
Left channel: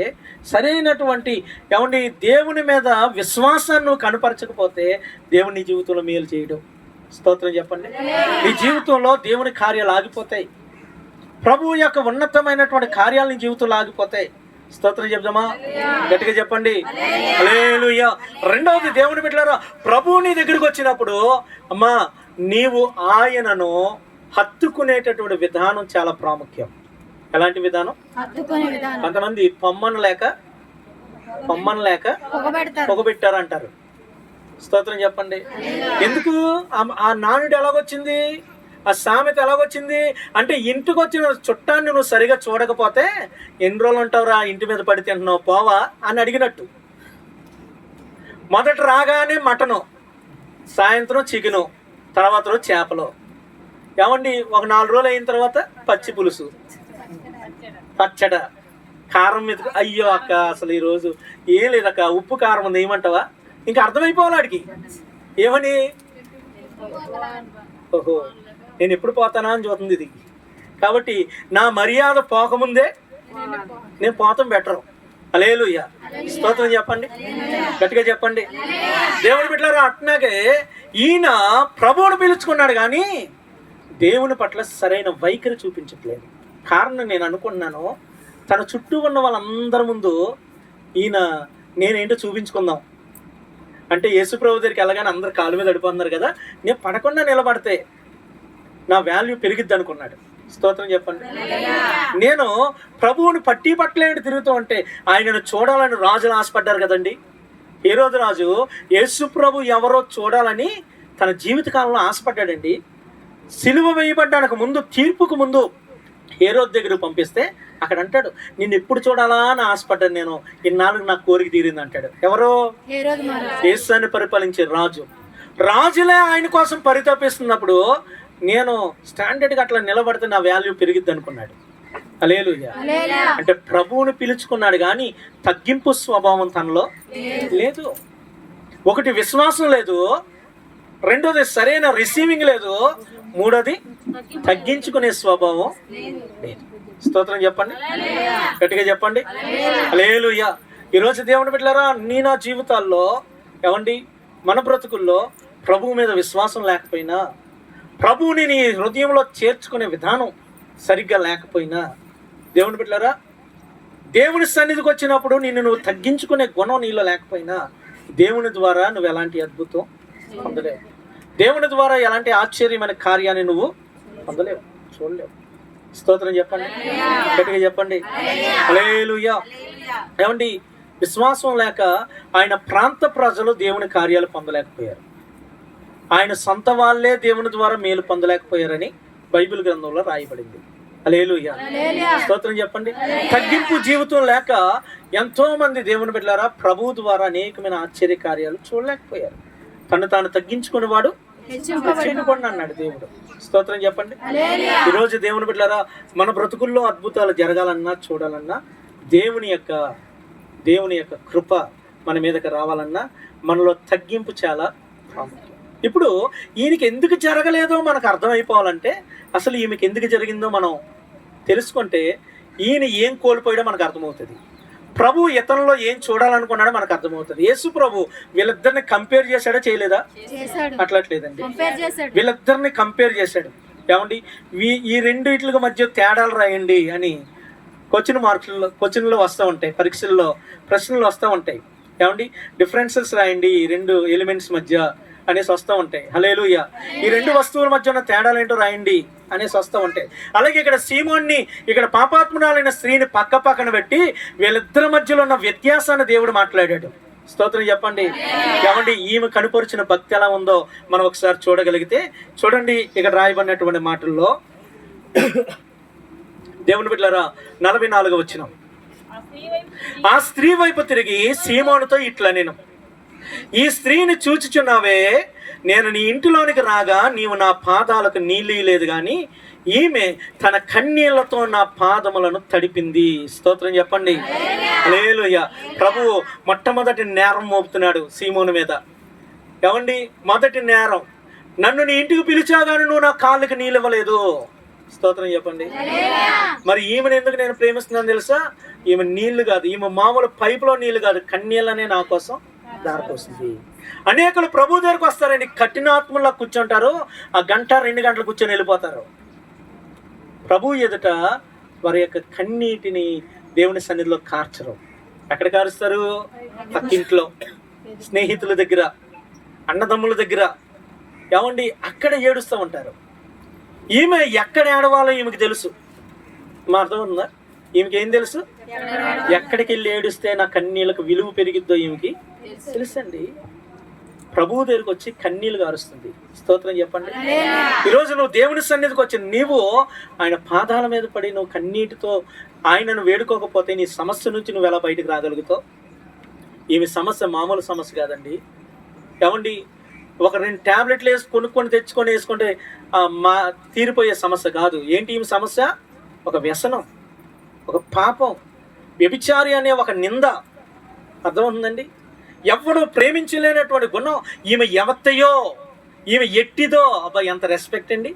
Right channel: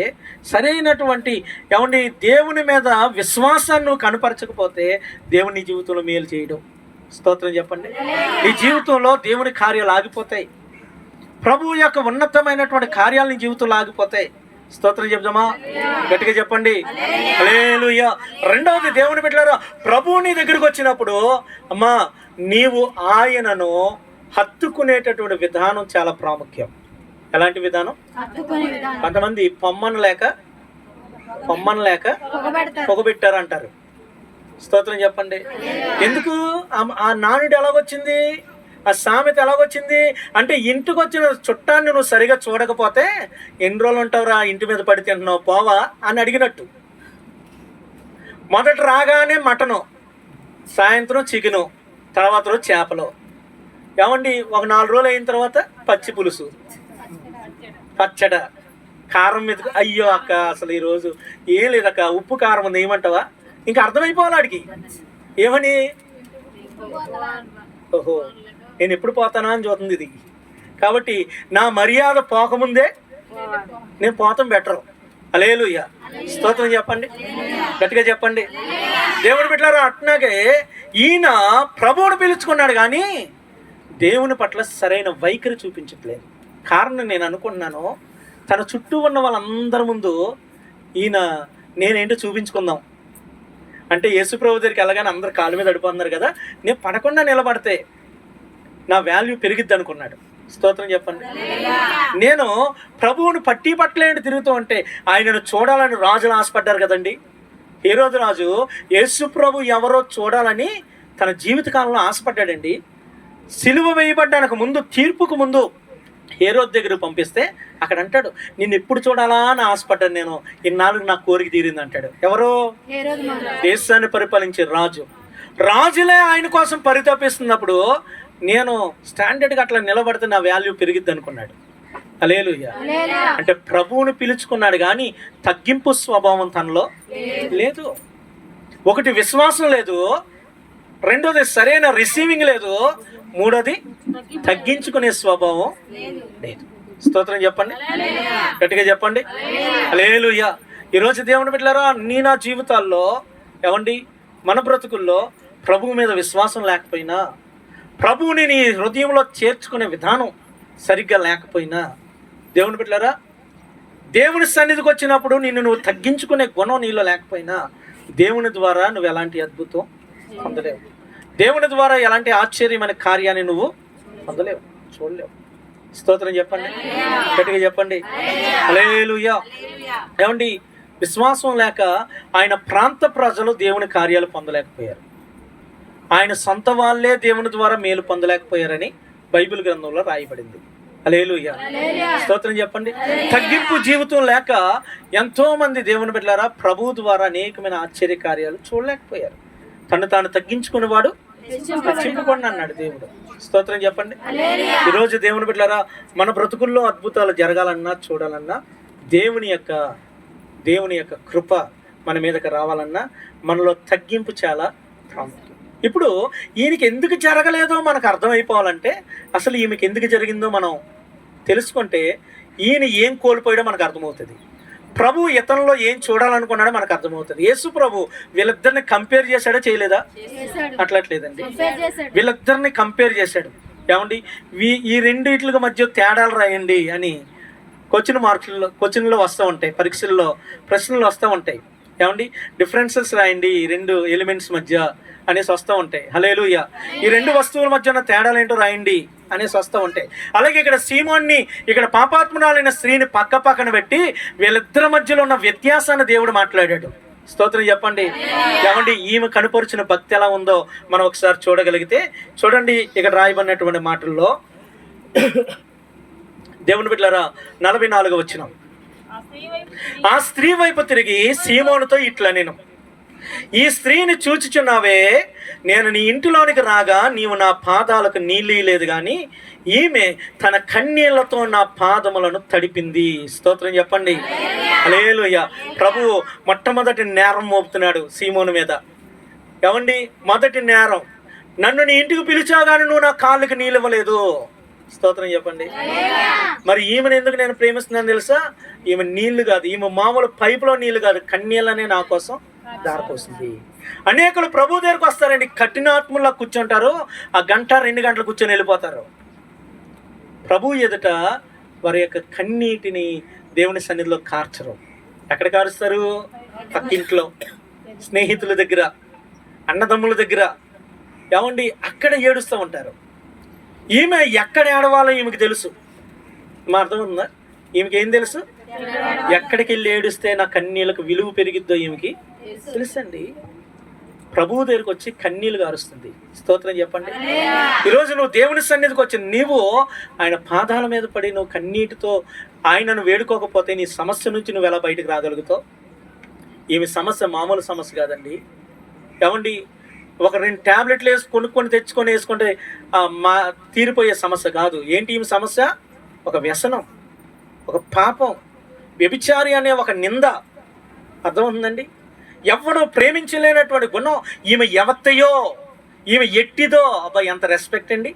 సరైనటువంటి ఏమండి దేవుని మీద విశ్వాసాన్ని నువ్వు కనపరచకపోతే దేవుని నీ జీవితంలో మేలు చేయడం. స్తోత్రం చెప్పండి. నీ జీవితంలో దేవుని కార్యాలు ఆగిపోతాయి. ప్రభువు యొక్క ఉన్నతమైనటువంటి కార్యాలు నీ జీవితంలో ఆగిపోతాయి. స్తోత్రం చెప్దామా? గట్టిగా చెప్పండి హల్లెలూయా. రెండవది, దేవుని బిడ్డలారా, ప్రభువు నీ దగ్గరికి వచ్చినప్పుడు అమ్మా నీవు ఆయనను హత్తుకునేటటువంటి విధానం చాలా ప్రాముఖ్యం. ఎలాంటి విధానం? కొంతమంది పొమ్మను లేక పొగబెట్టారు అంటారు. స్తోత్రం చెప్పండి. ఎందుకు ఆ నానుడు ఎలాగొచ్చింది, ఆ సామెత ఎలాగొచ్చింది అంటే, ఇంటికి వచ్చిన చుట్టాన్ని నువ్వు సరిగా చూడకపోతే ఎన్ని రోజులు ఉంటావురా ఇంటి మీద పడి తింటున్నావు పోవా అని అడిగినట్టు. మొదట రాగానే మటను, సాయంత్రం చికెను, తర్వాత రోజు చేపలు. ఏమండి ఒక 4 రోజులు అయిన తర్వాత పచ్చి పులుసు, పచ్చడ, కారం మీద. అయ్యో అక్క అసలు ఈరోజు ఏం లేదక్క, ఉప్పు కారం ఉంది ఏమంటావా? ఇంకా అర్థమైపోవాలి ఆడికి. ఏమని? ఓహో నేను ఎప్పుడు పోతానా అని చూస్తుంది ఇది. కాబట్టి నా మర్యాద పోకముందే నేను పోతాం బెటరు. హల్లెలూయా. స్తోత్రం చెప్పండి, గట్టిగా చెప్పండి. దేవుని బిడ్డలారా, అట్లాగే ఈయన ప్రభువును పిలుచుకున్నాడు కానీ దేవుని పట్ల సరైన వైఖరి చూపించట్లేదు. కారణం నేను అనుకున్నాను, తన చుట్టూ ఉన్న వాళ్ళందరి ముందు ఈయన నేనేంటో చూపించుకుందాం అంటే, యేసుప్రభు దగ్గరికి వెళ్ళగానే అందరు కాళ్ళ మీద అడిపోతున్నారు కదా, నేను పడకుండా నిలబడితే నా వాల్యూ పెరిగిద్ది అనుకున్నాడు. స్తోత్రం చెప్పండి. నేను ప్రభువుని పట్టలేంటి తిరుగుతూ ఉంటే ఆయనను చూడాలని రాజులు ఆశపడ్డారు కదండి. హేరోదు రాజు యేసు ప్రభు ఎవరో చూడాలని తన జీవితకాలంలో ఆశపడ్డాడండి. సిలువ వేయబడ్డానికి ముందు, తీర్పుకు ముందు హేరోదు దగ్గరకు పంపిస్తే అక్కడ అంటాడు, నిన్ను ఎప్పుడు చూడాలా అని ఆశపడ్డాను నేను, ఇన్నాళ్ళు నా కోరిక తీరింది అంటాడు. ఎవరో? యేసుని పరిపాలించే రాజు. రాజులే ఆయన కోసం పరితపిస్తున్నప్పుడు నేను స్టాండర్డ్గా అట్లా నిలబడితే నా వాల్యూ పెరిగిద్ది అనుకున్నాడు. హల్లెలూయా. అంటే ప్రభువుని పిలుచుకున్నాడు కానీ తగ్గింపు స్వభావం తనలో లేదు. ఒకటి విశ్వాసం లేదు, రెండోది సరైన రిసీవింగ్ లేదు, మూడోది తగ్గించుకునే స్వభావం లేదు. స్తోత్రం చెప్పండి, గట్టిగా చెప్పండి హల్లెలూయా. ఈరోజు దేవుని బిడ్డలారా, నా జీవితాల్లో ఏమండి మన బ్రతుకుల్లో ప్రభువు మీద విశ్వాసం లేకపోయినా, ప్రభువుని నీ హృదయంలో చేర్చుకునే విధానం సరిగ్గా లేకపోయినా, దేవుని బిడ్డలారా, దేవుని సన్నిధికి వచ్చినప్పుడు నువ్వు తగ్గించుకునే గుణం నీలో లేకపోయినా దేవుని ద్వారా నువ్వు ఎలాంటి అద్భుతం పొందలేవు. దేవుని ద్వారా ఎలాంటి ఆశ్చర్యమైన కార్యాన్ని నువ్వు పొందలేవు, చూడలేవు. స్తోత్రం చెప్పండి, గట్టిగా చెప్పండి హల్లెలూయా. ఏమండి విశ్వాసం లేక ఆయన ప్రాంత ప్రజలు దేవుని కార్యాలు పొందలేకపోయారు. ఆయన సొంత వాళ్ళే దేవుని ద్వారా మేలు పొందలేకపోయారని బైబిల్ గ్రంథంలో రాయబడింది. హల్లెలూయా. స్తోత్రం చెప్పండి. తగ్గింపు జీవితం లేక ఎంతో మంది దేవుని బిడ్డలారా ప్రభువు ద్వారా అనేకమైన ఆశ్చర్య కార్యాలు చూడలేకపోయారు. తను తాను తగ్గించుకునేవాడు హెచ్చింపబడును అన్నాడు దేవుడు. స్తోత్రం చెప్పండి. ఈరోజు దేవుని బిడ్డలారా, మన బ్రతుకుల్లో అద్భుతాలు జరగాలన్నా, చూడాలన్నా దేవుని యొక్క కృప మన మీదకి రావాలన్నా మనలో తగ్గింపు చాలా ప్రాముఖ్యం. ఇప్పుడు ఈయనకి ఎందుకు జరగలేదో మనకు అర్థమైపోవాలంటే, అసలు ఈమెకి ఎందుకు జరిగిందో మనం తెలుసుకుంటే ఈయన ఏం కోల్పోయాడో మనకు అర్థమవుతుంది. ప్రభు ఇతనిలో ఏం చూడాలనుకున్నాడో మనకు అర్థమవుతుంది. యేసు ప్రభు వీళ్ళిద్దరిని కంపేర్ చేశాడో చేయలేదా? అట్లట్లేదండి, వీళ్ళిద్దరిని కంపేర్ చేశాడు. ఏమండి ఈ రెండిట్ల మధ్య తేడాలు రాయండి అని క్వశ్చన్లో వస్తూ ఉంటాయి, పరీక్షల్లో ప్రశ్నలు వస్తూ ఉంటాయి. ఏమండి డిఫరెన్సెస్ రాయండి ఈ రెండు ఎలిమెంట్స్ మధ్య అనేసి వస్తూ ఉంటాయి. హల్లెలూయా. ఈ రెండు వస్తువుల మధ్య ఉన్న తేడాలు ఏంటో రాయండి అనేసి వస్తూ ఉంటాయి. అలాగే ఇక్కడ సీమోన్ని, ఇక్కడ పాపాత్మురాలైన స్త్రీని పక్క పక్కన పెట్టి వీళ్ళిద్దరి మధ్యలో ఉన్న వ్యత్యాసాన్ని దేవుడు మాట్లాడాడు. స్తోత్రం చెప్పండి. ఏమండి ఈమె కనుపరిచిన భక్తి ఎలా ఉందో మనం ఒకసారి చూడగలిగితే చూడండి. ఇక్కడ రాయబడినటువంటి మాటల్లో దేవుని బిడ్డలారా 44వ వచనం, ఆ స్త్రీ వైపు తిరిగి సీమోనుతో ఇట్లా, నేను ఈ స్త్రీని చూచుచున్నావే, నేను నీ ఇంటిలోనికి రాగా నీవు నా పాదాలకు నీళ్ళు లేదు కానీ ఈమె తన కన్నీళ్లతో నా పాదములను తడిపింది. స్తోత్రం చెప్పండి హల్లెలూయా. ప్రభువు మొట్టమొదటి నేరం మోపుతున్నాడు సీమోను మీద. ఏమండి మొదటి నేరం, నన్ను నీ ఇంటికి పిలిచాగాని నువ్వు నా కాళ్ళకి నీళ్ళు ఇవ్వలేదు. స్తోత్రం చెప్పండి. మరి ఈమెను ఎందుకు నేను ప్రేమిస్తున్నాను తెలుసా? ఈమె నీళ్లు కాదు, ఈమె మామూలు పైపులో నీళ్లు కాదు, కన్నీళ్ళనే నా కోసం దారిపోస్తుంది. అనేకులు ప్రభు దగ్గరకు వస్తారండి, కఠినాత్మలా కూర్చుంటారు, ఆ గంట 2 గంటలు కూర్చొని వెళ్ళిపోతారు. ప్రభు ఎదుట వారి యొక్క కన్నీటిని దేవుని సన్నిధిలో కార్చరు. ఎక్కడ కారుస్తారు? పక్కింట్లో, స్నేహితుల దగ్గర, అన్నదమ్ముల దగ్గర, ఏమండి అక్కడ ఏడుస్తూ ఉంటారు. ఈమె ఎక్కడ ఏడవాలో ఈమెకి తెలుసు. మా అర్థం ఉందా? ఈమెకి ఏం తెలుసు? ఎక్కడికి వెళ్ళి ఏడుస్తే నా కన్నీళ్ళకు విలువ పెరిగిద్దో ఈమెకి తెలుసండి. ప్రభువు దగ్గరికి వచ్చి కన్నీళ్ళు గారుస్తుంది. స్తోత్రం చెప్పండి. ఈరోజు నువ్వు దేవుని సన్నిధికి వచ్చి నీవు ఆయన పాదాల మీద పడి నువ్వు కన్నీటితో ఆయనను వేడుకోకపోతే నీ సమస్య నుంచి నువ్వు ఎలా బయటకు రాగలుగుతావు? ఈమె సమస్య మామూలు సమస్య కాదండి. ఏమండి ఒక 2 టాబ్లెట్లు కొనుక్కొని తెచ్చుకొని వేసుకుంటే మా తీరిపోయే సమస్య కాదు. ఏంటి ఈమె సమస్య? ఒక వ్యసనం, ఒక పాపం, వ్యభిచారి అనే ఒక నింద. అర్థమవుతుందండి? ఎవడు ప్రేమించలేనటువంటి గుణం. ఈమె ఎవత్తయో, ఈమె ఎట్టిదో. అబ్బా ఎంత రెస్పెక్ట్ అండి.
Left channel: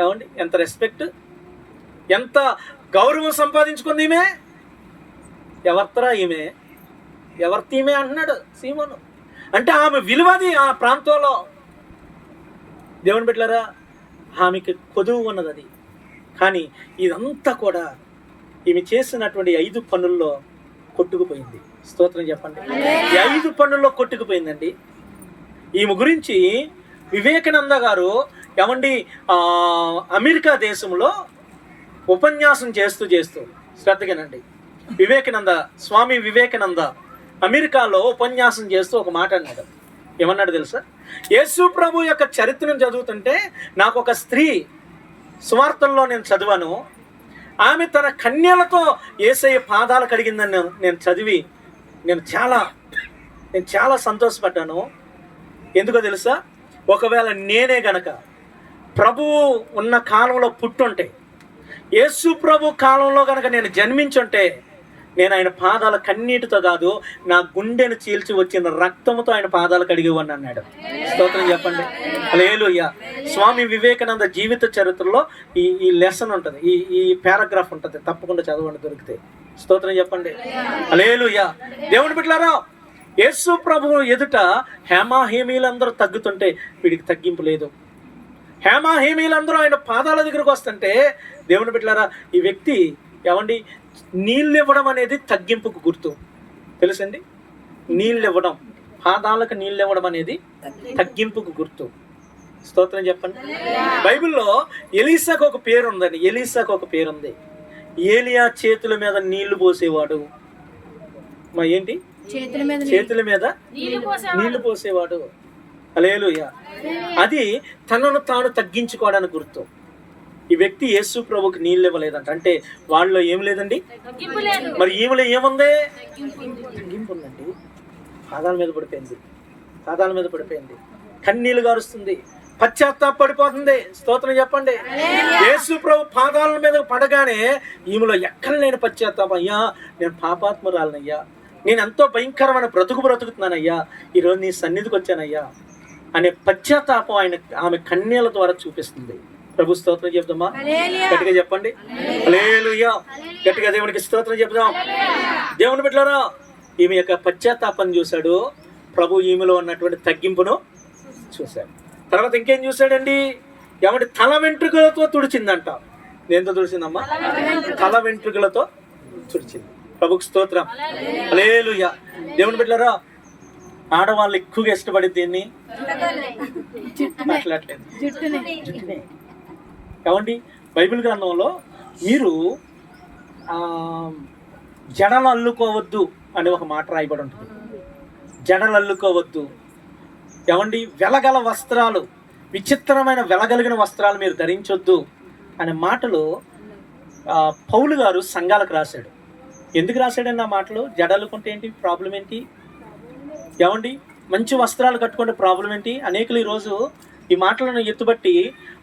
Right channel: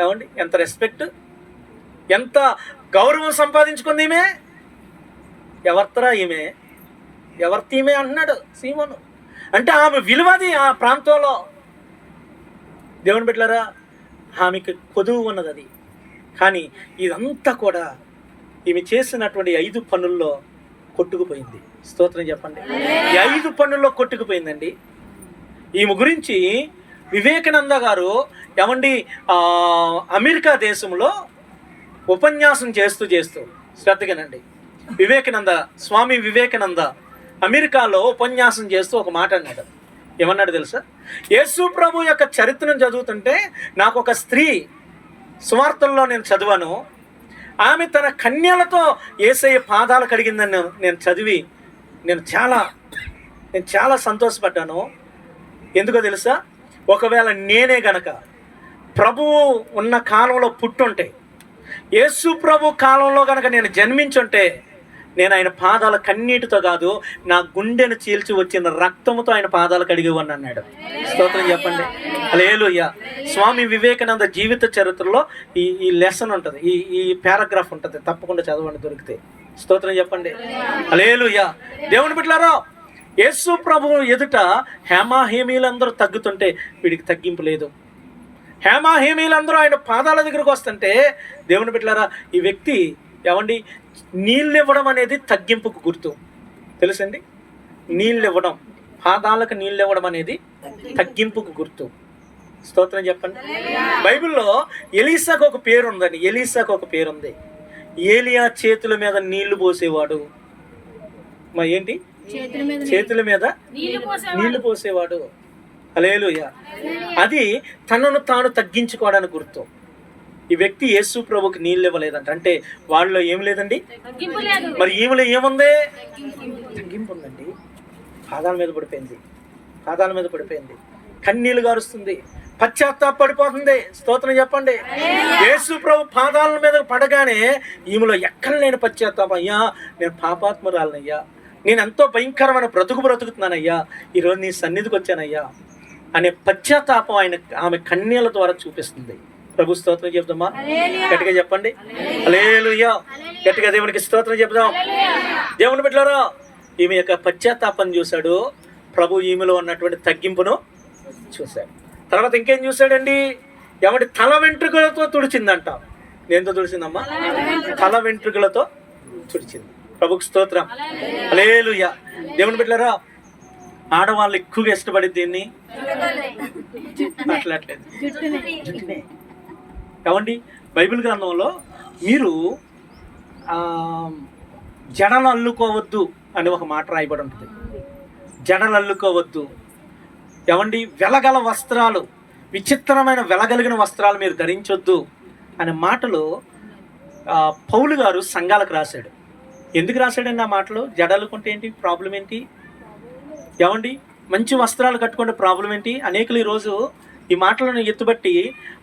ఏమండి ఎంత రెస్పెక్ట్, ఎంత గౌరవం సంపాదించుకుంది ఈమె. ఎవరితరా ఈమె, ఎవరితో ఈమె అంటున్నాడు సీమోను. అంటే ఆమె విలువది ఆ ప్రాంతంలో. దేవుని బిడ్డలారా, ఆమెకి కొదువు ఉన్నది అది. కానీ ఇదంతా కూడా ఈమె చేసినటువంటి 5 పనుల్లో కొట్టుకుపోయింది. స్తోత్రం చెప్పండి. 5 పనుల్లో కొట్టుకుపోయిందండి. ఈమె గురించి వివేకానంద గారు ఏమండి అమెరికా దేశంలో ఉపన్యాసం చేస్తూ శ్రద్ధగానండి, స్వామి వివేకానంద అమెరికాలో ఉపన్యాసం చేస్తూ ఒక మాట అన్నాడు. ఏమన్నాడు తెలుసా? యేసు ప్రభు యొక్క చరిత్రను చదువుతుంటే నాకు ఒక స్త్రీ సువార్తల్లో నేను చదివాను. ఆమె తన కన్యలతో యేసయ్య పాదాలు కడిగిందని నేను చదివి నేను చాలా సంతోషపడ్డాను. ఎందుకో తెలుసా? ఒకవేళ నేనే గనక ప్రభువు ఉన్న కాలంలో పుట్టుంటే, యేసు ప్రభు కాలంలో గనక నేను జన్మించుంటే, నేను ఆయన పాదాల కన్నీటితో కాదు, నా గుండెను చీల్చి వచ్చిన రక్తముతో ఆయన పాదాలు కడిగివ్వని అన్నాడు. స్తోత్రం చెప్పండి. హల్లెలూయా. స్వామి వివేకానంద జీవిత చరిత్రలో ఈ లెసన్ ఉంటుంది, ఈ పారాగ్రాఫ్ ఉంటుంది. తప్పకుండా చదవండి దొరికితే. స్తోత్రం చెప్పండి. హల్లెలూయా. దేవుని బిడ్డలారా, యేసు ప్రభువు ఎదుట హేమీలందరూ తగ్గుతుంటే వీడికి తగ్గింపు లేదు. హేమీలందరూ ఆయన పాదాల దగ్గరకు వస్తుంటే, దేవుని బిడ్డలారా, ఈ వ్యక్తి ఏమండి నీళ్ళు ఇవ్వడం అనేది తగ్గింపుకు గుర్తు. తెలుసండి? నీళ్ళు ఇవ్వడం, పాదాలకు నీళ్ళు ఇవ్వడం అనేది తగ్గింపుకు గుర్తు. స్తోత్రం చెప్పండి. బైబిల్లో ఎలీసాకు ఒక పేరు ఉందండి. ఎలీసాకు ఒక పేరు ఉంది. ఏలియా చేతుల మీద నీళ్లు పోసేవాడు. మా ఏంటి? చేతుల మీద నీళ్లు పోసేవాడు. హల్లెలూయా. అది తనను తాను తగ్గించుకోవడానికి గుర్తు. ఈ వ్యక్తి యేసు ప్రభుకి నీళ్ళు ఇవ్వలేదంట. అంటే వాళ్ళలో ఏం లేదండి, మరి ఈమెలో ఏముంది? తగ్గింపు ఉందండి. పాదాల మీద పడిపోయింది, కన్నీళ్లు గారుస్తుంది, పశ్చాత్తాపడిపోతుంది. స్తోత్రం చెప్పండి. యేసు ప్రభు పాదాల మీద పడగానే ఈమెలో ఎక్కడ లేని పశ్చాత్తాపం. అయ్యా, నేను పాపాత్మురాలనయ్యా, నేను ఎంతో భయంకరమైన బ్రతుకుతున్నానయ్యా, ఈరోజు నీ సన్నిధికి వచ్చానయ్యా అనే పశ్చాత్తాపం ఆమె కన్నీళ్ళ ద్వారా చూపిస్తుంది. ప్రభు స్తోత్రం చెప్దామా? గట్టిగా చెప్పండి. హల్లెలూయా. గట్టిగా దేవునికి స్తోత్రం చెప్దాం. దేవుని బిడ్డలారా, ఈమె యొక్క పశ్చాత్తాపం చూశాడు ప్రభు. ఈమెలో ఉన్నటువంటి తగ్గింపును చూశాడు. తర్వాత ఇంకేం చూశాడండి? ఏమంటే తల వెంట్రుకలతో తుడిచిందంట. దేంతో తుడిచిందమ్మా? తల వెంట్రుకలతో తుడిచింది. ప్రభుకి స్తోత్రం. హల్లెలూయా. దేవుని బిడ్డలారా, ఆడవాళ్ళు ఎక్కువగా ఇష్టపడి దీన్ని మాట్లాడలేదు. ఏమండి బైబిల్ గ్రంథంలో మీరు జడలు అల్లుకోవద్దు అని ఒక మాట రాయబడి ఉంటుంది. జడలు అల్లుకోవద్దు. ఏమండి వెలగల వస్త్రాలు, విచిత్రమైన వెలగలిగిన వస్త్రాలు మీరు ధరించొద్దు అనే మాటలు పౌలు గారు సంఘాలకు రాశాడు. ఎందుకు రాశాడండి ఆ మాటలు? జడలుకుంటే ఏంటి ప్రాబ్లం ఏంటి? ఏమండి మంచి వస్త్రాలు కట్టుకుంటే ప్రాబ్లం ఏంటి? అనేకులు ఈరోజు ఈ మాటలను ఎత్తుబట్టి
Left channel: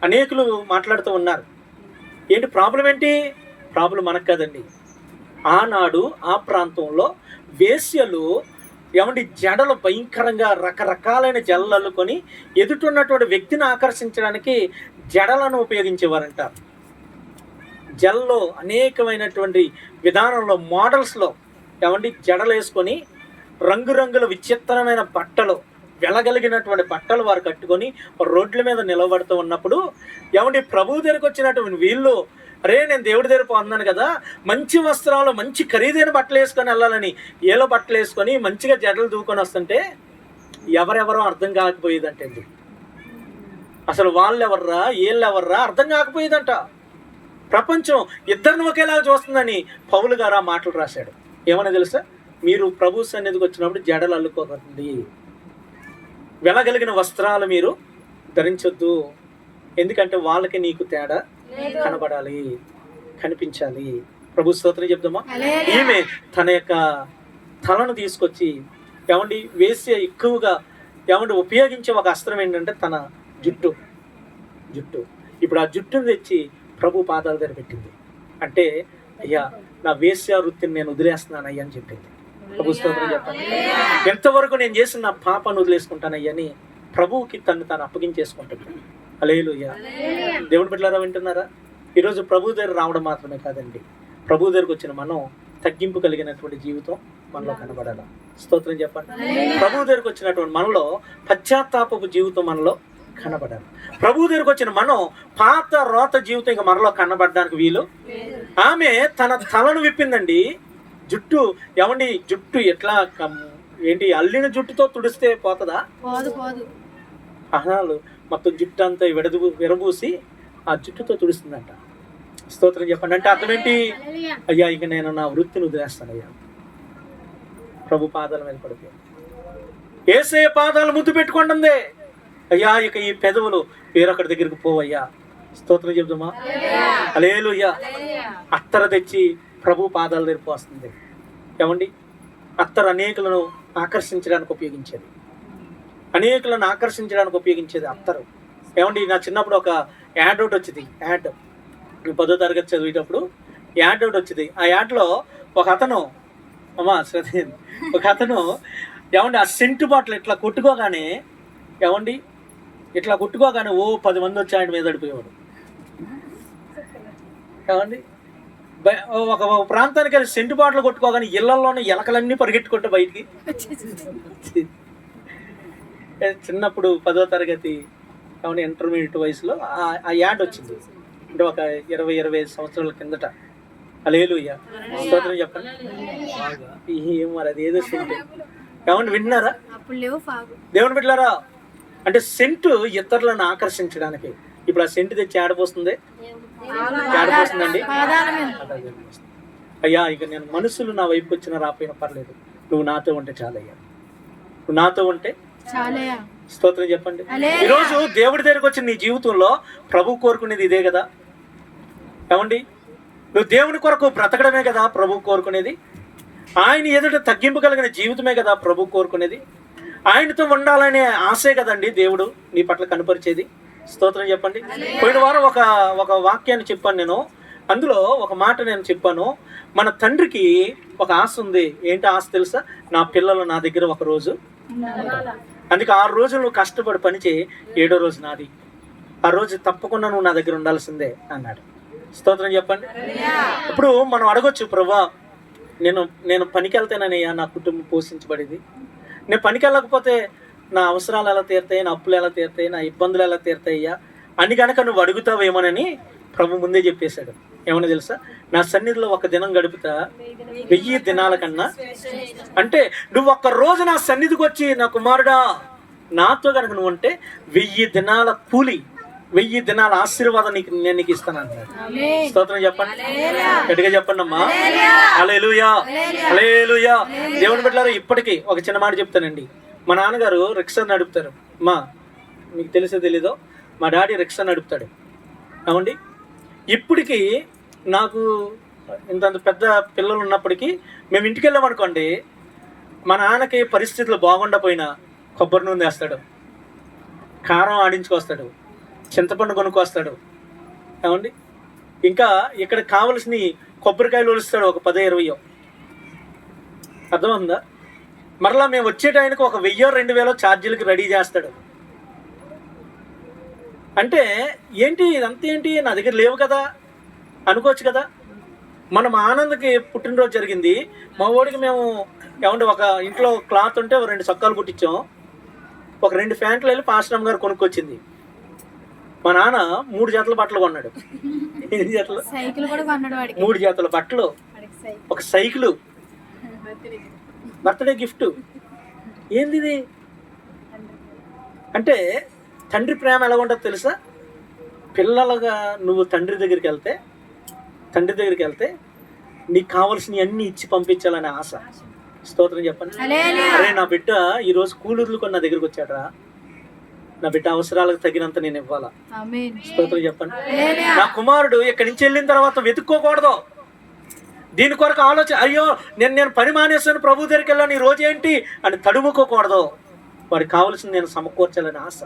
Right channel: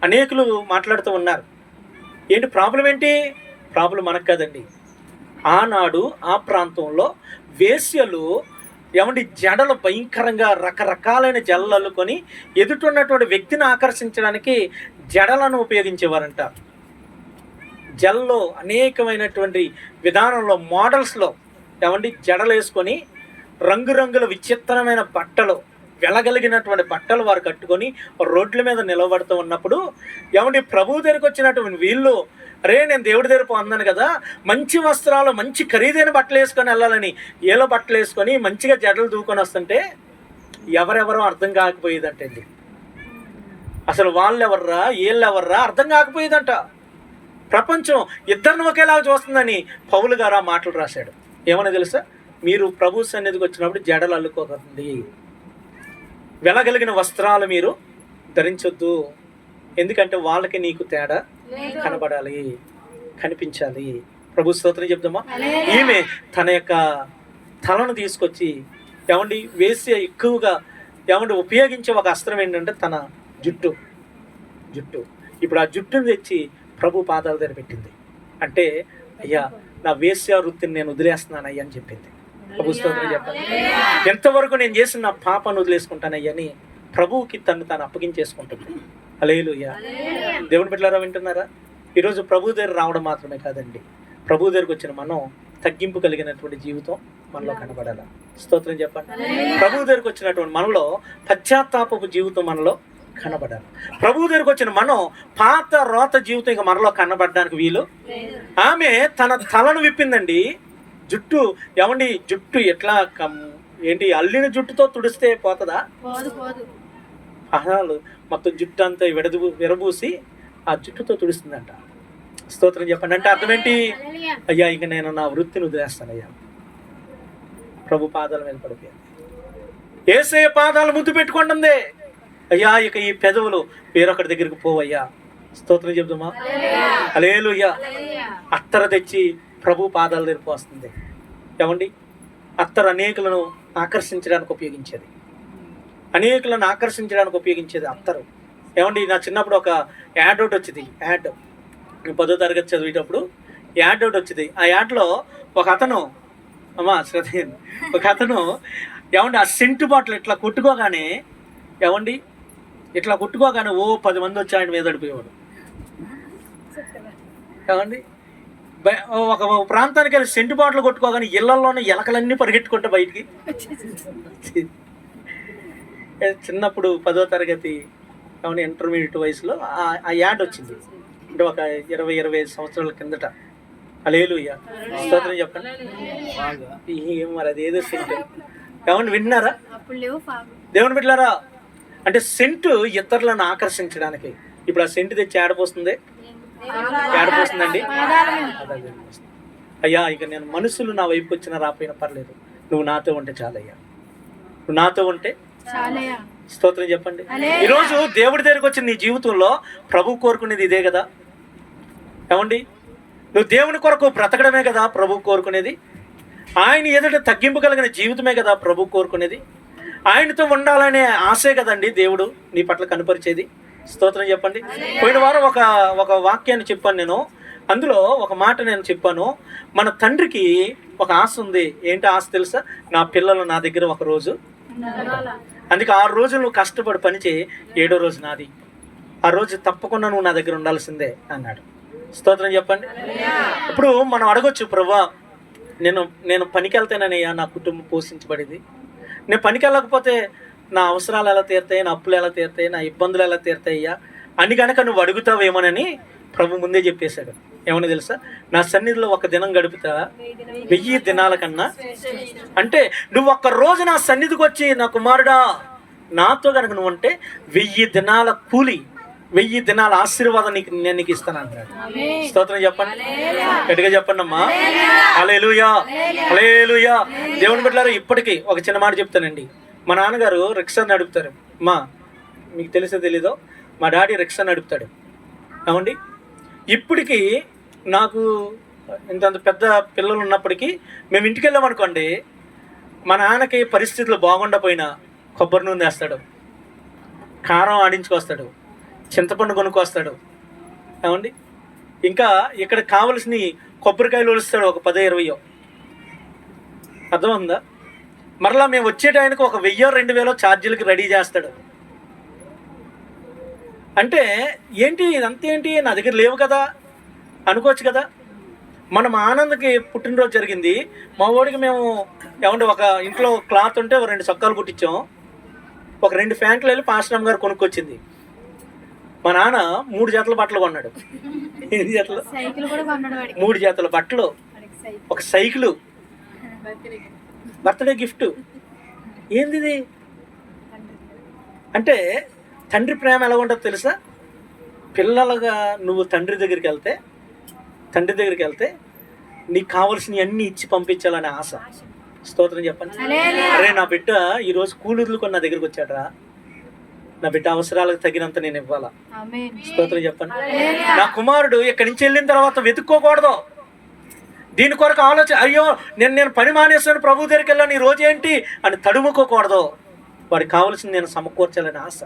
అనేకులు మాట్లాడుతూ ఉన్నారు. ఏంటి ప్రాబ్లం ఏంటి? ప్రాబ్లం మనకు కదండి. ఆనాడు ఆ ప్రాంతంలో వేశ్యలు ఏమండి జడలు భయంకరంగా రకరకాలైన జడలు అల్లుకొని ఎదుటిన్నటువంటి వ్యక్తిని ఆకర్షించడానికి జడలను ఉపయోగించేవారంట. జడల్లో అనేకమైనటువంటి విధానంలో మోడల్స్లో ఏమండి జడలు వేసుకొని రంగురంగుల విచిత్రమైన బట్టలు, వెలగలిగినటువంటి బట్టలు వారు కట్టుకొని రోడ్ల మీద నిలబడుతూ ఉన్నప్పుడు ఏమండి ప్రభు దగ్గరికి వచ్చినటువంటి వీళ్ళు, అరే నేను దేవుడి దగ్గర పొందాను కదా, మంచి వస్త్రాలు మంచి ఖరీదైన బట్టలు వేసుకొని వెళ్ళాలని ఏలో బట్టలు వేసుకొని మంచిగా జడలు దూకొని వస్తుంటే ఎవరెవరో అర్థం కాకపోయేదంటే అసలు వాళ్ళెవర్రా వీళ్ళెవర్రా అర్థం కాకపోయేదంట. ప్రపంచం ఇద్దరిని ఒకేలాగా చూస్తుందని పౌలు గారు ఆ మాటలు రాశాడు. ఏమన్నా తెలుసా, మీరు ప్రభు సన్నిధికి వచ్చినప్పుడు జడలు అల్లుకోకండి, వెలగలిగిన వస్త్రాలు మీరు ధరించొద్దు. ఎందుకంటే వాళ్ళకి నీకు తేడా కనబడాలి, కనిపించాలి. ప్రభు స్తోత్రం చెప్దామా. ఈమె తన యొక్క తలను తీసుకొచ్చి ఏమండి వేసి ఎక్కువగా ఏమండి ఉపయోగించే ఒక అస్త్రం ఏంటంటే తన జుట్టు. ఇప్పుడు ఆ జుట్టును తెచ్చి ప్రభు పాదాల దగ్గర పెట్టింది. అంటే అయ్యా నా వేశ్య వృత్తిని నేను వదిలేస్తున్నాను అయ్యా అని చెప్పింది. ప్రభు స్తోత్రం చెప్పండి. ఎంతవరకు నేను చేసిన నా పాపను వదిలేసుకుంటానయ్యా అని ప్రభువుకి తాను అప్పగించేసుకుంటుంది. హల్లెలూయా. దేవుని బిడ్డలారా వింటున్నారా? ఈరోజు ప్రభు దగ్గర రావడం మాత్రమే కాదండి, ప్రభు దగ్గరకు వచ్చిన మనం తగ్గింపు కలిగినటువంటి జీవితం మనలో కనబడాల. స్తోత్రం చెప్పండి. ప్రభు దగ్గరకు వచ్చినటువంటి మనలో పశ్చాత్తాపపు జీవితం మనలో కనబడాలి. ప్రభు దగ్గరకు వచ్చిన మనం పాత రోత జీవితం ఇంకా మనలో కనబడడానికి వీలు. ఆమె తన తలను విప్పిందండి. జుట్టు ఏమండి, జుట్టు ఎట్లా ఏంటి అల్లిన జుట్టుతో తుడిస్తే పోతుందా? అహనాలు మొత్తం జుట్టు అంతా విరబూసి ఆ జుట్టుతో తుడుస్తుందంట. స్తోత్రం చెప్పండి. అంటే అర్థం ఏంటి? అయ్యా ఇక నేను నా వృత్తిని వదిలేస్తానయ్యా, ప్రభు పాదాల మీద పడిపోయాను. యేసయ్య పాదాలు ముద్దు పెట్టుకుంటుందే. అయ్యా ఇక ఈ పెదవులు వేరొకటి దగ్గరికి పోవయ్యా. స్తోత్రం చెప్దామా. హల్లెలూయా. అత్తర తెచ్చి ప్రభు పాదాల దగ్గరికి వస్తుంది. ఏమండి అత్తరు అనేకులను ఆకర్షించడానికి ఉపయోగించేది, అత్తరు. ఏమండి నా చిన్నప్పుడు ఒక యాడ్ ఒకటి వచ్చింది. యాడ్ 10వ తరగతి చదివేటప్పుడు యాడ్ ఒకటి వచ్చింది. ఆ యాడ్లో ఒక అతను ఏమండి ఆ సెంటు బాటిల్ ఇట్లా కొట్టుకోగానే ఓ 10 మంది వచ్చి ఆయన మీద పడిపోయేవాడు. ఏమండి ఒక ప్రాంతానికి వెళ్ళి సెంటు బాటిల్ కొట్టుకోగానే ఇళ్లలోనే ఎలకలన్నీ పరిగెట్టుకుంటే బయటికి. చిన్నప్పుడు 10వ తరగతి ఏమన్నా ఇంటర్మీడియట్ వయసులో ఆ యాడ్ వచ్చింది. అంటే ఒక 20-25 సంవత్సరాల కిందట. హల్లెలూయా. స్తోత్రం చెప్పండి. మరి అదేదో సెంట్ ఏమన్నా విన్నారా? దేవుని బిడ్డలారా, అంటే సెంటు ఇతరులను ఆకర్షించడానికి. ఇప్పుడు ఆ సెంటు తెచ్చి ఏడపోస్తుందండి. అయ్యా ఇక నేను మనుషులు నా వైపు వచ్చినా రాపోయినా పర్లేదు, నువ్వు నాతో ఉంటే చాలయ్యా, నువ్వు నాతో ఉంటే చాలయ్యా. స్తోత్రం చెప్పండి. ఈరోజు దేవుడి దగ్గరికి వచ్చిన నీ జీవితంలో ప్రభు కోరుకునేది ఇదే కదా. ఏమండి నువ్వు దేవుని కొరకు బ్రతకడమే కదా ప్రభు కోరుకునేది. ఆయన ఎదుట తగ్గింపు కలిగిన జీవితమే కదా ప్రభు కోరుకునేది. ఆయనతో ఉండాలనే ఆశే కదండి దేవుడు నీ పట్ల కనపరిచేది. స్తోత్రం చెప్పండి. పోయిన వారం ఒక వాక్యాన్ని చెప్పాను నేను. అందులో ఒక మాట నేను చెప్పాను. మన తండ్రికి ఒక ఆశ ఉంది. ఏంటి ఆశ తెలుసా? నా పిల్లలు నా దగ్గర ఒక రోజు. అందుకే 6 రోజులు నువ్వు కష్టపడి పనిచేయి, 7వ రోజు నాది. ఆ రోజు తప్పకుండా నువ్వు నా దగ్గర ఉండాల్సిందే అన్నాడు. స్తోత్రం చెప్పండి. ఇప్పుడు మనం అడగొచ్చు, ప్రభువా నేను పనికి వెళ్తానయ్యా నా కుటుంబం పోషించబడింది, నేను పనికి వెళ్ళకపోతే నా అవసరాలు ఎలా తీరుతాయి, నా అప్పులు ఎలా తీరుతాయి, నా ఇబ్బందులు ఎలా తీరుతాయ్యా అని కనుక నువ్వు అడుగుతావేమోనని ప్రభు ముందే చెప్పేశాడు. ఏమన్నా తెలుసా? నా సన్నిధిలో ఒక దినం గడుపుతా 1000 దినాల కన్నా. అంటే నువ్వు ఒక్క రోజు నా సన్నిధికి వచ్చి నా కుమారుడా నాతో కనుక నువ్వు అంటే 1000 దినాల కూలి, 1000 దినాల ఆశీర్వాదం నేను నీకు ఇస్తాను అంటాడు. స్తోత్రం చెప్పండి, గట్టిగా చెప్పండి అమ్మా. హల్లెలూయా, హల్లెలూయా. దేవుని బిడ్డలారా, ఇప్పటికీ ఒక చిన్న మాట చెప్తానండి. మా నాన్నగారు రిక్షా నడుపుతారు. మీకు తెలిసో తెలీదో మా డాడీ రిక్షా నడుపుతాడు. ఏమండి ఇప్పటికీ నాకు ఇంతంత పెద్ద పిల్లలు ఉన్నప్పటికీ మేము ఇంటికి వెళ్ళామనుకోండి, మా నాన్నకి పరిస్థితులు బాగుండపోయినా కొబ్బరి నూనె వేస్తాడు, కారం ఆడించుకొస్తాడు, చింతపండు కొనుక్కొస్తాడు. ఏమండి ఇంకా ఇక్కడ కావలసిన కొబ్బరికాయలు ఒలుస్తాడు, ఒక 10-20. అర్థమవుతుందా? మరలా మేము వచ్చే టైంకి ఒక 1000-2000 ఛార్జీలకి రెడీ చేస్తాడు. అంటే ఏంటి ఇదంతా, ఏంటి నా దగ్గర లేవు కదా అనుకోవచ్చు కదా. మన మా ఆనందకి పుట్టినరోజు జరిగింది. మా వాడికి మేము ఏమంటే ఒక ఇంట్లో క్లాత్ ఉంటే 2 చొక్కాలు కుట్టించాం. ఒక 2 ప్యాంట్లు వెళ్ళి పాస్టమ్ గారు కొనుక్కొచ్చింది. మా నాన్న 3 జతల బట్టలు కొన్నాడు. 8 జతలు, 3 జతల బట్టలు, ఒక సైకిలు, బర్త్డే గిఫ్ట్. ఏంది ఇది అంటే తండ్రి ప్రేమ ఎలా ఉంటుందో తెలుసా? పిల్లలుగా నువ్వు తండ్రి దగ్గరికి వెళ్తే నీకు కావలసినవి అన్నీ ఇచ్చి పంపించాలనే ఆశ. స్తోత్రం చెప్పండి. అరే నా బిడ్డ ఈరోజు కూలూరులు కొన్ని నా దగ్గరికి వచ్చాడరా, నా బిడ్డ అవసరాలకు తగినంత నేను ఇవ్వాలా. స్తోత్రం చెప్పండి. నా కుమారుడు ఇక్కడి నుంచి వెళ్ళిన తర్వాత వెతుక్కోకూడదు, దీని కొరకు ఆలోచన, అయ్యో నేను పని మానేస్తాను ప్రభు దగ్గరికి వెళ్ళాను ఈ రోజు ఏంటి అని తడుముకోకూడదు. వాడికి కావాల్సింది నేను సమకూర్చాలని ఆశ.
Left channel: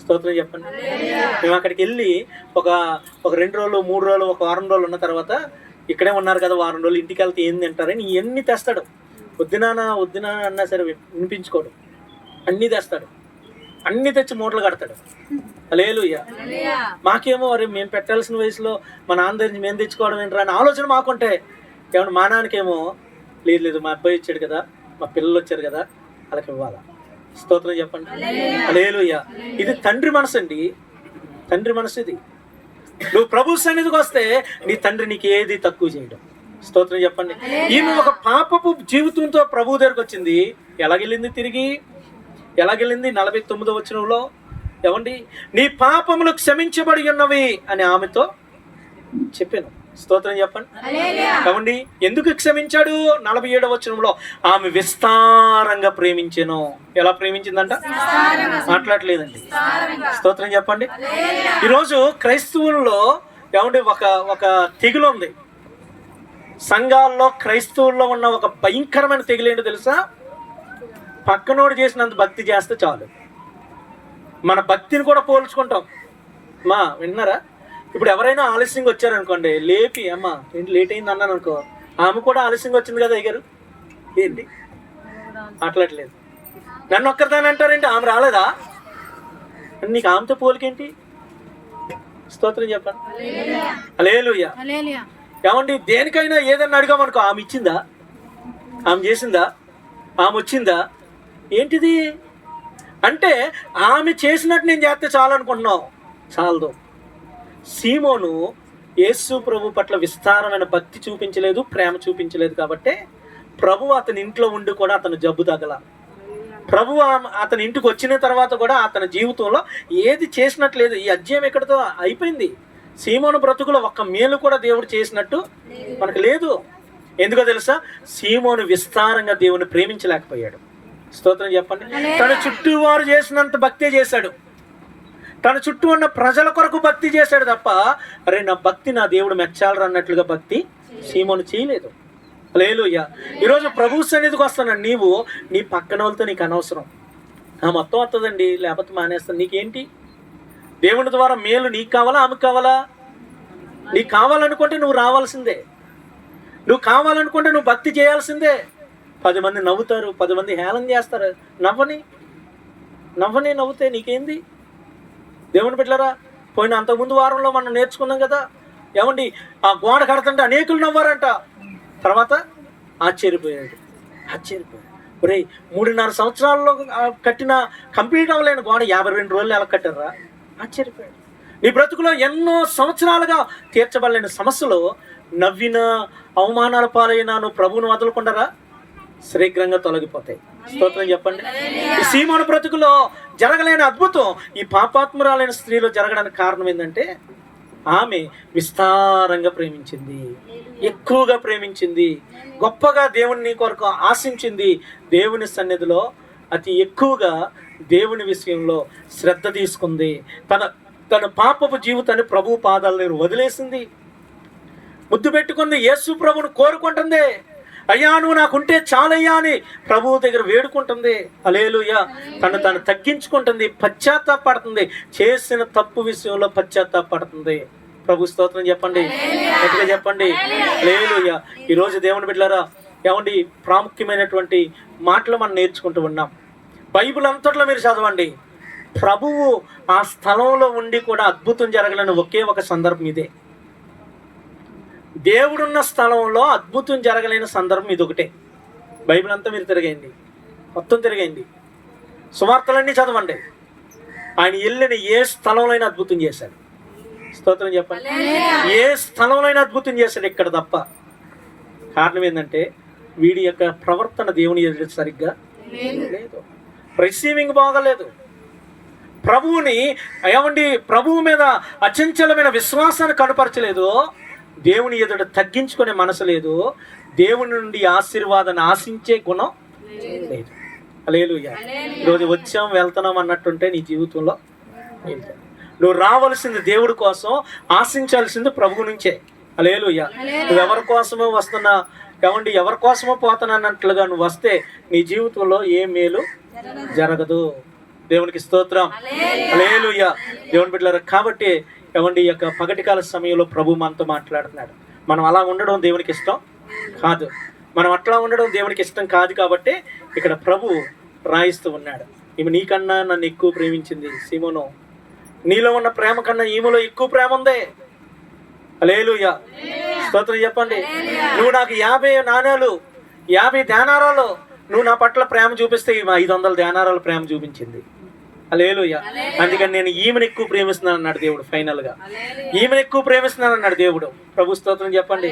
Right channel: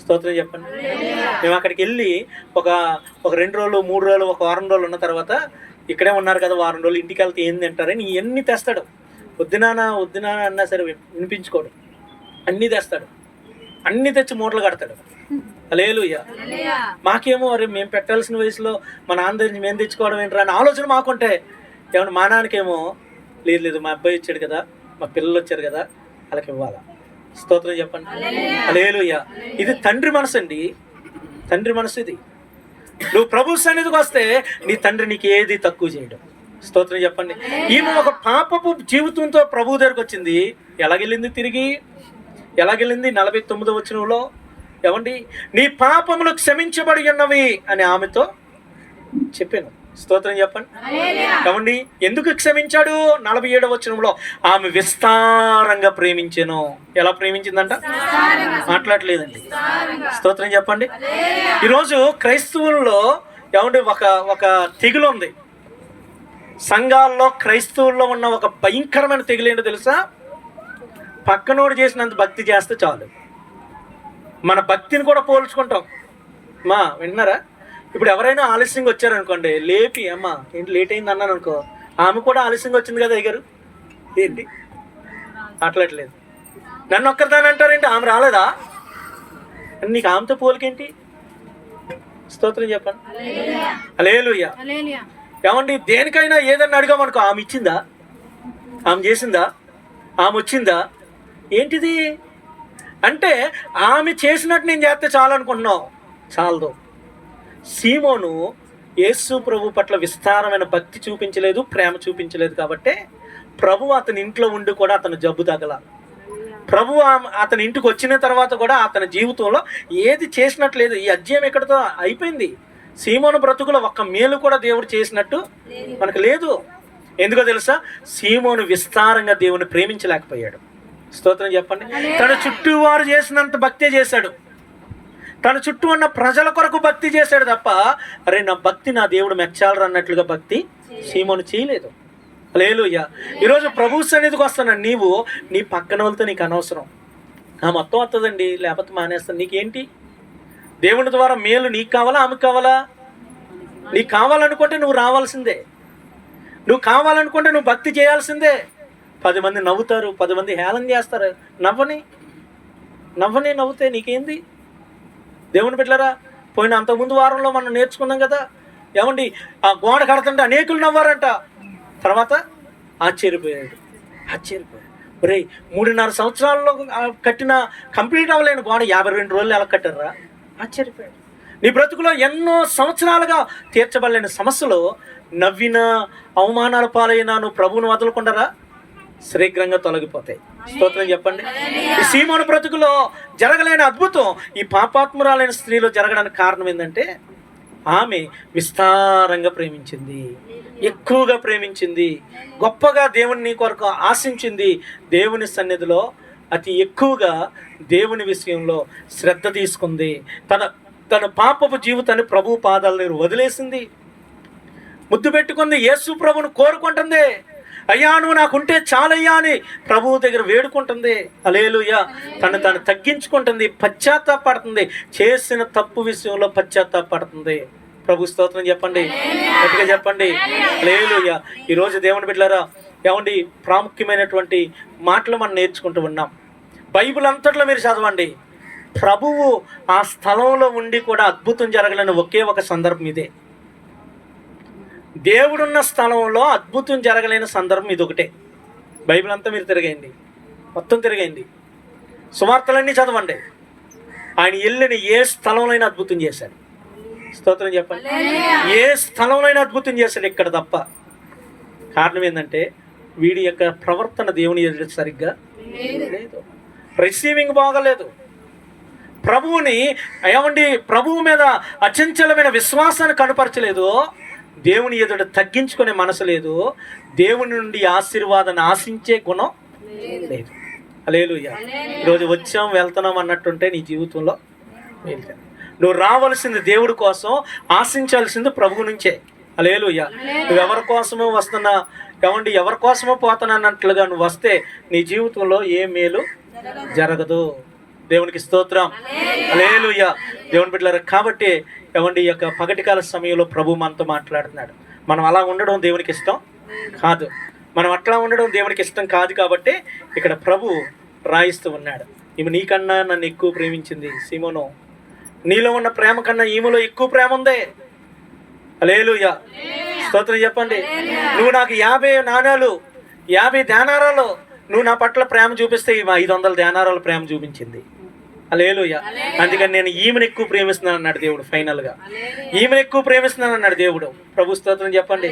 స్తోత్రం చెప్పండి. మేము అక్కడికి వెళ్ళి ఒక 2 రోజులు 3 రోజులు ఒక వారం రోజులు ఉన్న తర్వాత ఇక్కడే ఉన్నారు కదా, వారం రోజులు ఇంటికి వెళ్తే ఏం తింటారని ఇవన్నీ తెస్తాడు. వద్దునా అన్నా సరే వినిపించుకోడు, అన్నీ తెస్తాడు, అన్నీ తెచ్చి మూటలు కడతాడు. హల్లెలూయా. మాకేమో అరే మేము పెట్టాల్సిన వయసులో మా నాన్న దగ్గర మేము తెచ్చుకోవడం ఏంటరా అని ఆలోచన మాకుంటే, ఏమన్నా మా నాన్నకేమో లేదు మా అబ్బాయి వచ్చాడు కదా, మా పిల్లలు వచ్చారు కదా, వాళ్ళకి ఇవ్వాలా. స్తోత్రం చెప్పండి. హల్లెలూయా. ఇది తండ్రి మనసు అండి, తండ్రి మనసు ఇది. నువ్వు ప్రభు సన్నిధికి వస్తే నీ తండ్రి నీకు ఏది తక్కువ చేయడం. స్తోత్రం చెప్పండి. ఈమె ఒక పాపపు జీవితంతో ప్రభు దగ్గరికి వచ్చింది. ఎలాగెళ్ళింది? 49వ వచనంలో ఏమండి, నీ పాపములు క్షమించబడి ఉన్నవి అని ఆమెతో చెప్పాను. స్తోత్రం చెప్పండి. ఏమండి ఎందుకు క్షమించాడు? 47వ వచనంలో ఆమె విస్తారంగా ప్రేమించాను. ఎలా ప్రేమించిందంట? మాట్లాడలేదండి. స్తోత్రం చెప్పండి. ఈరోజు క్రైస్తవుల్లో ఏమండి ఒక తెగులు ఉంది. సంఘాల్లో క్రైస్తవుల్లో ఉన్న ఒక భయంకరమైన తెగులు ఏంటో తెలుసా? పక్కనోడు చేసినంత భక్తి చేస్తే చాలు. మన భక్తిని కూడా పోల్చుకుంటాం. విన్నారా? ఇప్పుడు ఎవరైనా ఆలస్యంగా వచ్చారనుకోండి, లేపి అమ్మ ఏంటి లేట్ అయింది అన్నాను అనుకో, ఆమె కూడా ఆలస్యంగా వచ్చింది కదా అయ్యారు, ఏంటి మాట్లాడలేదు, నన్ను ఒక్కరిదాని అంటారేంటి, ఆమె రాలేదా? నీకు ఆమెతో పోలికేంటి? స్తోత్రం చెప్పండి. హల్లెలూయా. ఏమండి దేనికైనా ఏదన్నా అడిగామనుకో, ఆమె ఇచ్చిందా, ఆమె చేసిందా, ఆమె వచ్చిందా, ఏంటిది అంటే ఆమె చేసినట్టు నేను చేస్తే చాలు అనుకుంటున్నావు, చాలదు. సీమోను యేసు ప్రభు పట్ల విస్తారమైన భక్తి చూపించలేదు, ప్రేమ చూపించలేదు. కాబట్టి ప్రభు అతని ఇంట్లో ఉండి కూడా అతను జబ్బు తగల. ప్రభు అతని ఇంటికి వచ్చిన తర్వాత కూడా అతని జీవితంలో ఏది చేసినట్లేదు. ఈ అధ్యాయం ఎక్కడితో అయిపోయింది. సీమోను బ్రతుకులో ఒక్క మేలు కూడా దేవుడు చేసినట్టు మనకు లేదు. ఎందుకో తెలుసా? సీమోను విస్తారంగా దేవుని ప్రేమించలేకపోయాడు. స్తోత్రం చెప్పండి. తన చుట్టూ వారు చేసినంత భక్తే చేశాడు, తన చుట్టూ ఉన్న ప్రజల కొరకు భక్తి చేశాడు తప్ప, అరే నా భక్తి నా దేవుడు మెచ్చాలరా అన్నట్లుగా భక్తి సీమోను చేయలేదు. హల్లెలూయా. ఈరోజు ప్రభు సన్నిధికి వస్తాను, నీవు నీ పక్కన వాళ్ళతో నీకు అనవసరం. మొత్తం వస్తుందండి, లేకపోతే మానేస్తాను. నీకేంటి? దేవుని ద్వారా మేలు నీకు కావాలా, ఆమెకు కావాలా? నీకు కావాలనుకుంటే నువ్వు రావాల్సిందే, నువ్వు కావాలనుకుంటే నువ్వు భక్తి చేయాల్సిందే. 10 మంది నవ్వుతారు, 10 మంది హేళన చేస్తారు. నవ్వుతే నీకేంది? దేవుని బిడ్డలారా, పోయిన అంతకుముందు వారంలో మనం నేర్చుకున్నాం కదా, ఏమండి ఆ గోడ కడుతుంటే అనేకులు నవ్వారంట. తర్వాత ఆశ్చర్యపోయాడు. ఒరే 3.5 సంవత్సరాల్లో కట్టిన కంప్లీట్ అవ్వలేని గోడ 52 రోజులు ఎలా కట్టారా? ఆశ్చర్యపోయాడు. నీ బ్రతుకులో ఎన్నో సంవత్సరాలుగా తీర్చబడలేని సమస్యలు, నవ్విన అవమానాల పాలైనా నువ్వు ప్రభువును వదలకుండారా శీఘ్రంగా తొలగిపోతాయి. స్తోత్రం చెప్పండి. ఈ సీమోను బ్రతుకులో జరగలేని అద్భుతం ఈ పాపాత్మురాలైన స్త్రీలో జరగడానికి కారణం ఏంటంటే, ఆమె విస్తారంగా ప్రేమించింది, ఎక్కువగా ప్రేమించింది, గొప్పగా దేవుని కొరకు ఆశించింది. దేవుని సన్నిధిలో అతి ఎక్కువగా దేవుని విషయంలో శ్రద్ధ తీసుకుంది. తన పాపపు జీవితాన్ని ప్రభు పాదాల దగ్గర వదిలేసింది. ముద్దు పెట్టుకుంది, యేసు ప్రభువును కోరుకుంటుంది. అయ్యా నువ్వు నాకుంటే చాలయ్యా అని ప్రభువు దగ్గర వేడుకుంటుంది. హల్లెలూయా. తను తగ్గించుకుంటుంది, పశ్చాత్తాపడుతుంది, చేసిన తప్పు విషయంలో పశ్చాత్తాపడుతుంది. ప్రభు స్తోత్రం చెప్పండి, గట్టిగా చెప్పండి. హల్లెలూయా. ఈరోజు దేవుని బిడ్డలారా, ఏమండి ప్రాముఖ్యమైనటువంటి మాటలు మనం నేర్చుకుంటూ ఉన్నాం. బైబిల్ అంతట్లో మీరు చదవండి, ప్రభువు ఆ స్థలంలో ఉండి కూడా అద్భుతం జరగలేని ఒకే ఒక సందర్భం ఇదే. దేవుడున్న స్థలంలో అద్భుతం జరగలేని సందర్భం ఇది ఒకటే. బైబిల్ అంతా మీరు తిరగండి, మొత్తం తిరగండి, సువార్తలన్నీ చదవండి. ఆయన వెళ్ళిన ఏ స్థలంలో అద్భుతం చేశాడు. స్తోత్రం చెప్పండి. ఏ స్థలంలో అద్భుతం చేశాడు, ఇక్కడ తప్ప. కారణం ఏంటంటే వీడి యొక్క ప్రవర్తన దేవుని ఎదుట సరిగ్గా లేదు, రిసీవింగ్ బాగలేదు. ప్రభువుని ఏమండి ప్రభువు మీద అచంచలమైన విశ్వాసాన్ని కనపరచలేదు, దేవుని ఎదుట తగ్గించుకునే మనసు లేదు, దేవుని నుండి ఆశీర్వాదాన్ని ఆశించే గుణం లేదు. హల్లెలూయా. ఈరోజు వచ్చాం వెళ్తున్నాం అన్నట్టుంటే నీ జీవితంలో నువ్వు రావాల్సింది దేవుడి కోసం, ఆశించాల్సింది ప్రభువు నుంచే. హల్లెలూయా. నువ్వు ఎవరి కోసమో వస్తున్నా, ఏమండి ఎవరి కోసమో పోతానన్నట్లుగా నువ్వు వస్తే నీ జీవితంలో ఏ మేలు జరగదు. దేవునికి స్తోత్రం. హల్లెలూయా. దేవుని బిడ్డలారా, కాబట్టి ఏమండి ఈ యొక్క పగటికాల సమయంలో ప్రభు మనతో మాట్లాడుతున్నాడు. మనం అలా ఉండడం దేవునికి ఇష్టం కాదు, మనం అట్లా ఉండడం దేవునికి ఇష్టం కాదు. కాబట్టి ఇక్కడ ప్రభు రాయిస్తూ ఉన్నాడు, ఈమె నీకన్నా నన్ను ఎక్కువ ప్రేమించింది సీమోను, నీలో ఉన్న ప్రేమ కన్నా ఈమెలో ఎక్కువ ప్రేమ ఉంది. హల్లెలూయా. స్తోత్రం చెప్పండి. నువ్వు నాకు 50 నాణాలు 50 దేనారాలు నువ్వు నా పట్ల ప్రేమ చూపిస్తే ఈమె 500 దేనారాలు ప్రేమ చూపించింది. హల్లెలూయా. అందుకని నేను ఈమెను ఎక్కువ ప్రేమిస్తున్నాను అన్నాడు దేవుడు. ఫైనల్గా ఈమెను ఎక్కువ ప్రేమిస్తున్నాను అన్నాడు దేవుడు. ప్రభు స్తోత్రం చెప్పండి.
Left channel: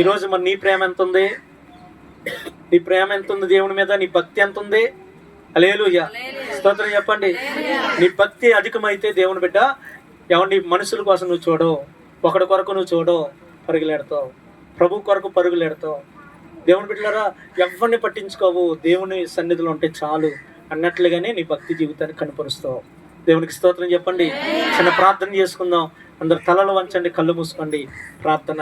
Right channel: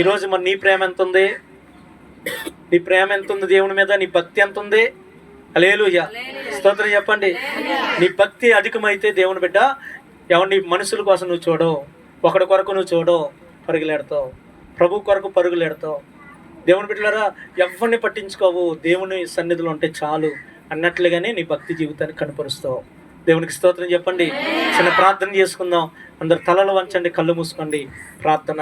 ఈరోజు మరి నీ ప్రేమ ఎంత ఉంది? నీ ప్రేమ ఎంత ఉంది దేవుని మీద? నీ భక్తి ఎంత ఉంది? హల్లెలూయా. స్తోత్రం చెప్పండి. నీ భక్తి అధికమైతే దేవుని బిడ్డ ఏమన్నా మనుషుల కోసం నువ్వు చూడవు, ఒకడి కొరకు నువ్వు చూడవు, పరుగులెడతావు, ప్రభు కొరకు పరుగులెడతావు. దేవుని బిడ్డలారా, ఎవరిని పట్టించుకోవు, దేవుని సన్నిధిలో ఉంటే చాలు అన్నట్లుగానే నీ భక్తి జీవితాన్ని కనపరుస్తావు. దేవునికి స్తోత్రం చెప్పండి. చిన్న ప్రార్థన చేసుకుందాం. అందరు తలలు వంచండి, కళ్ళు మూసుకోండి. ప్రార్థన.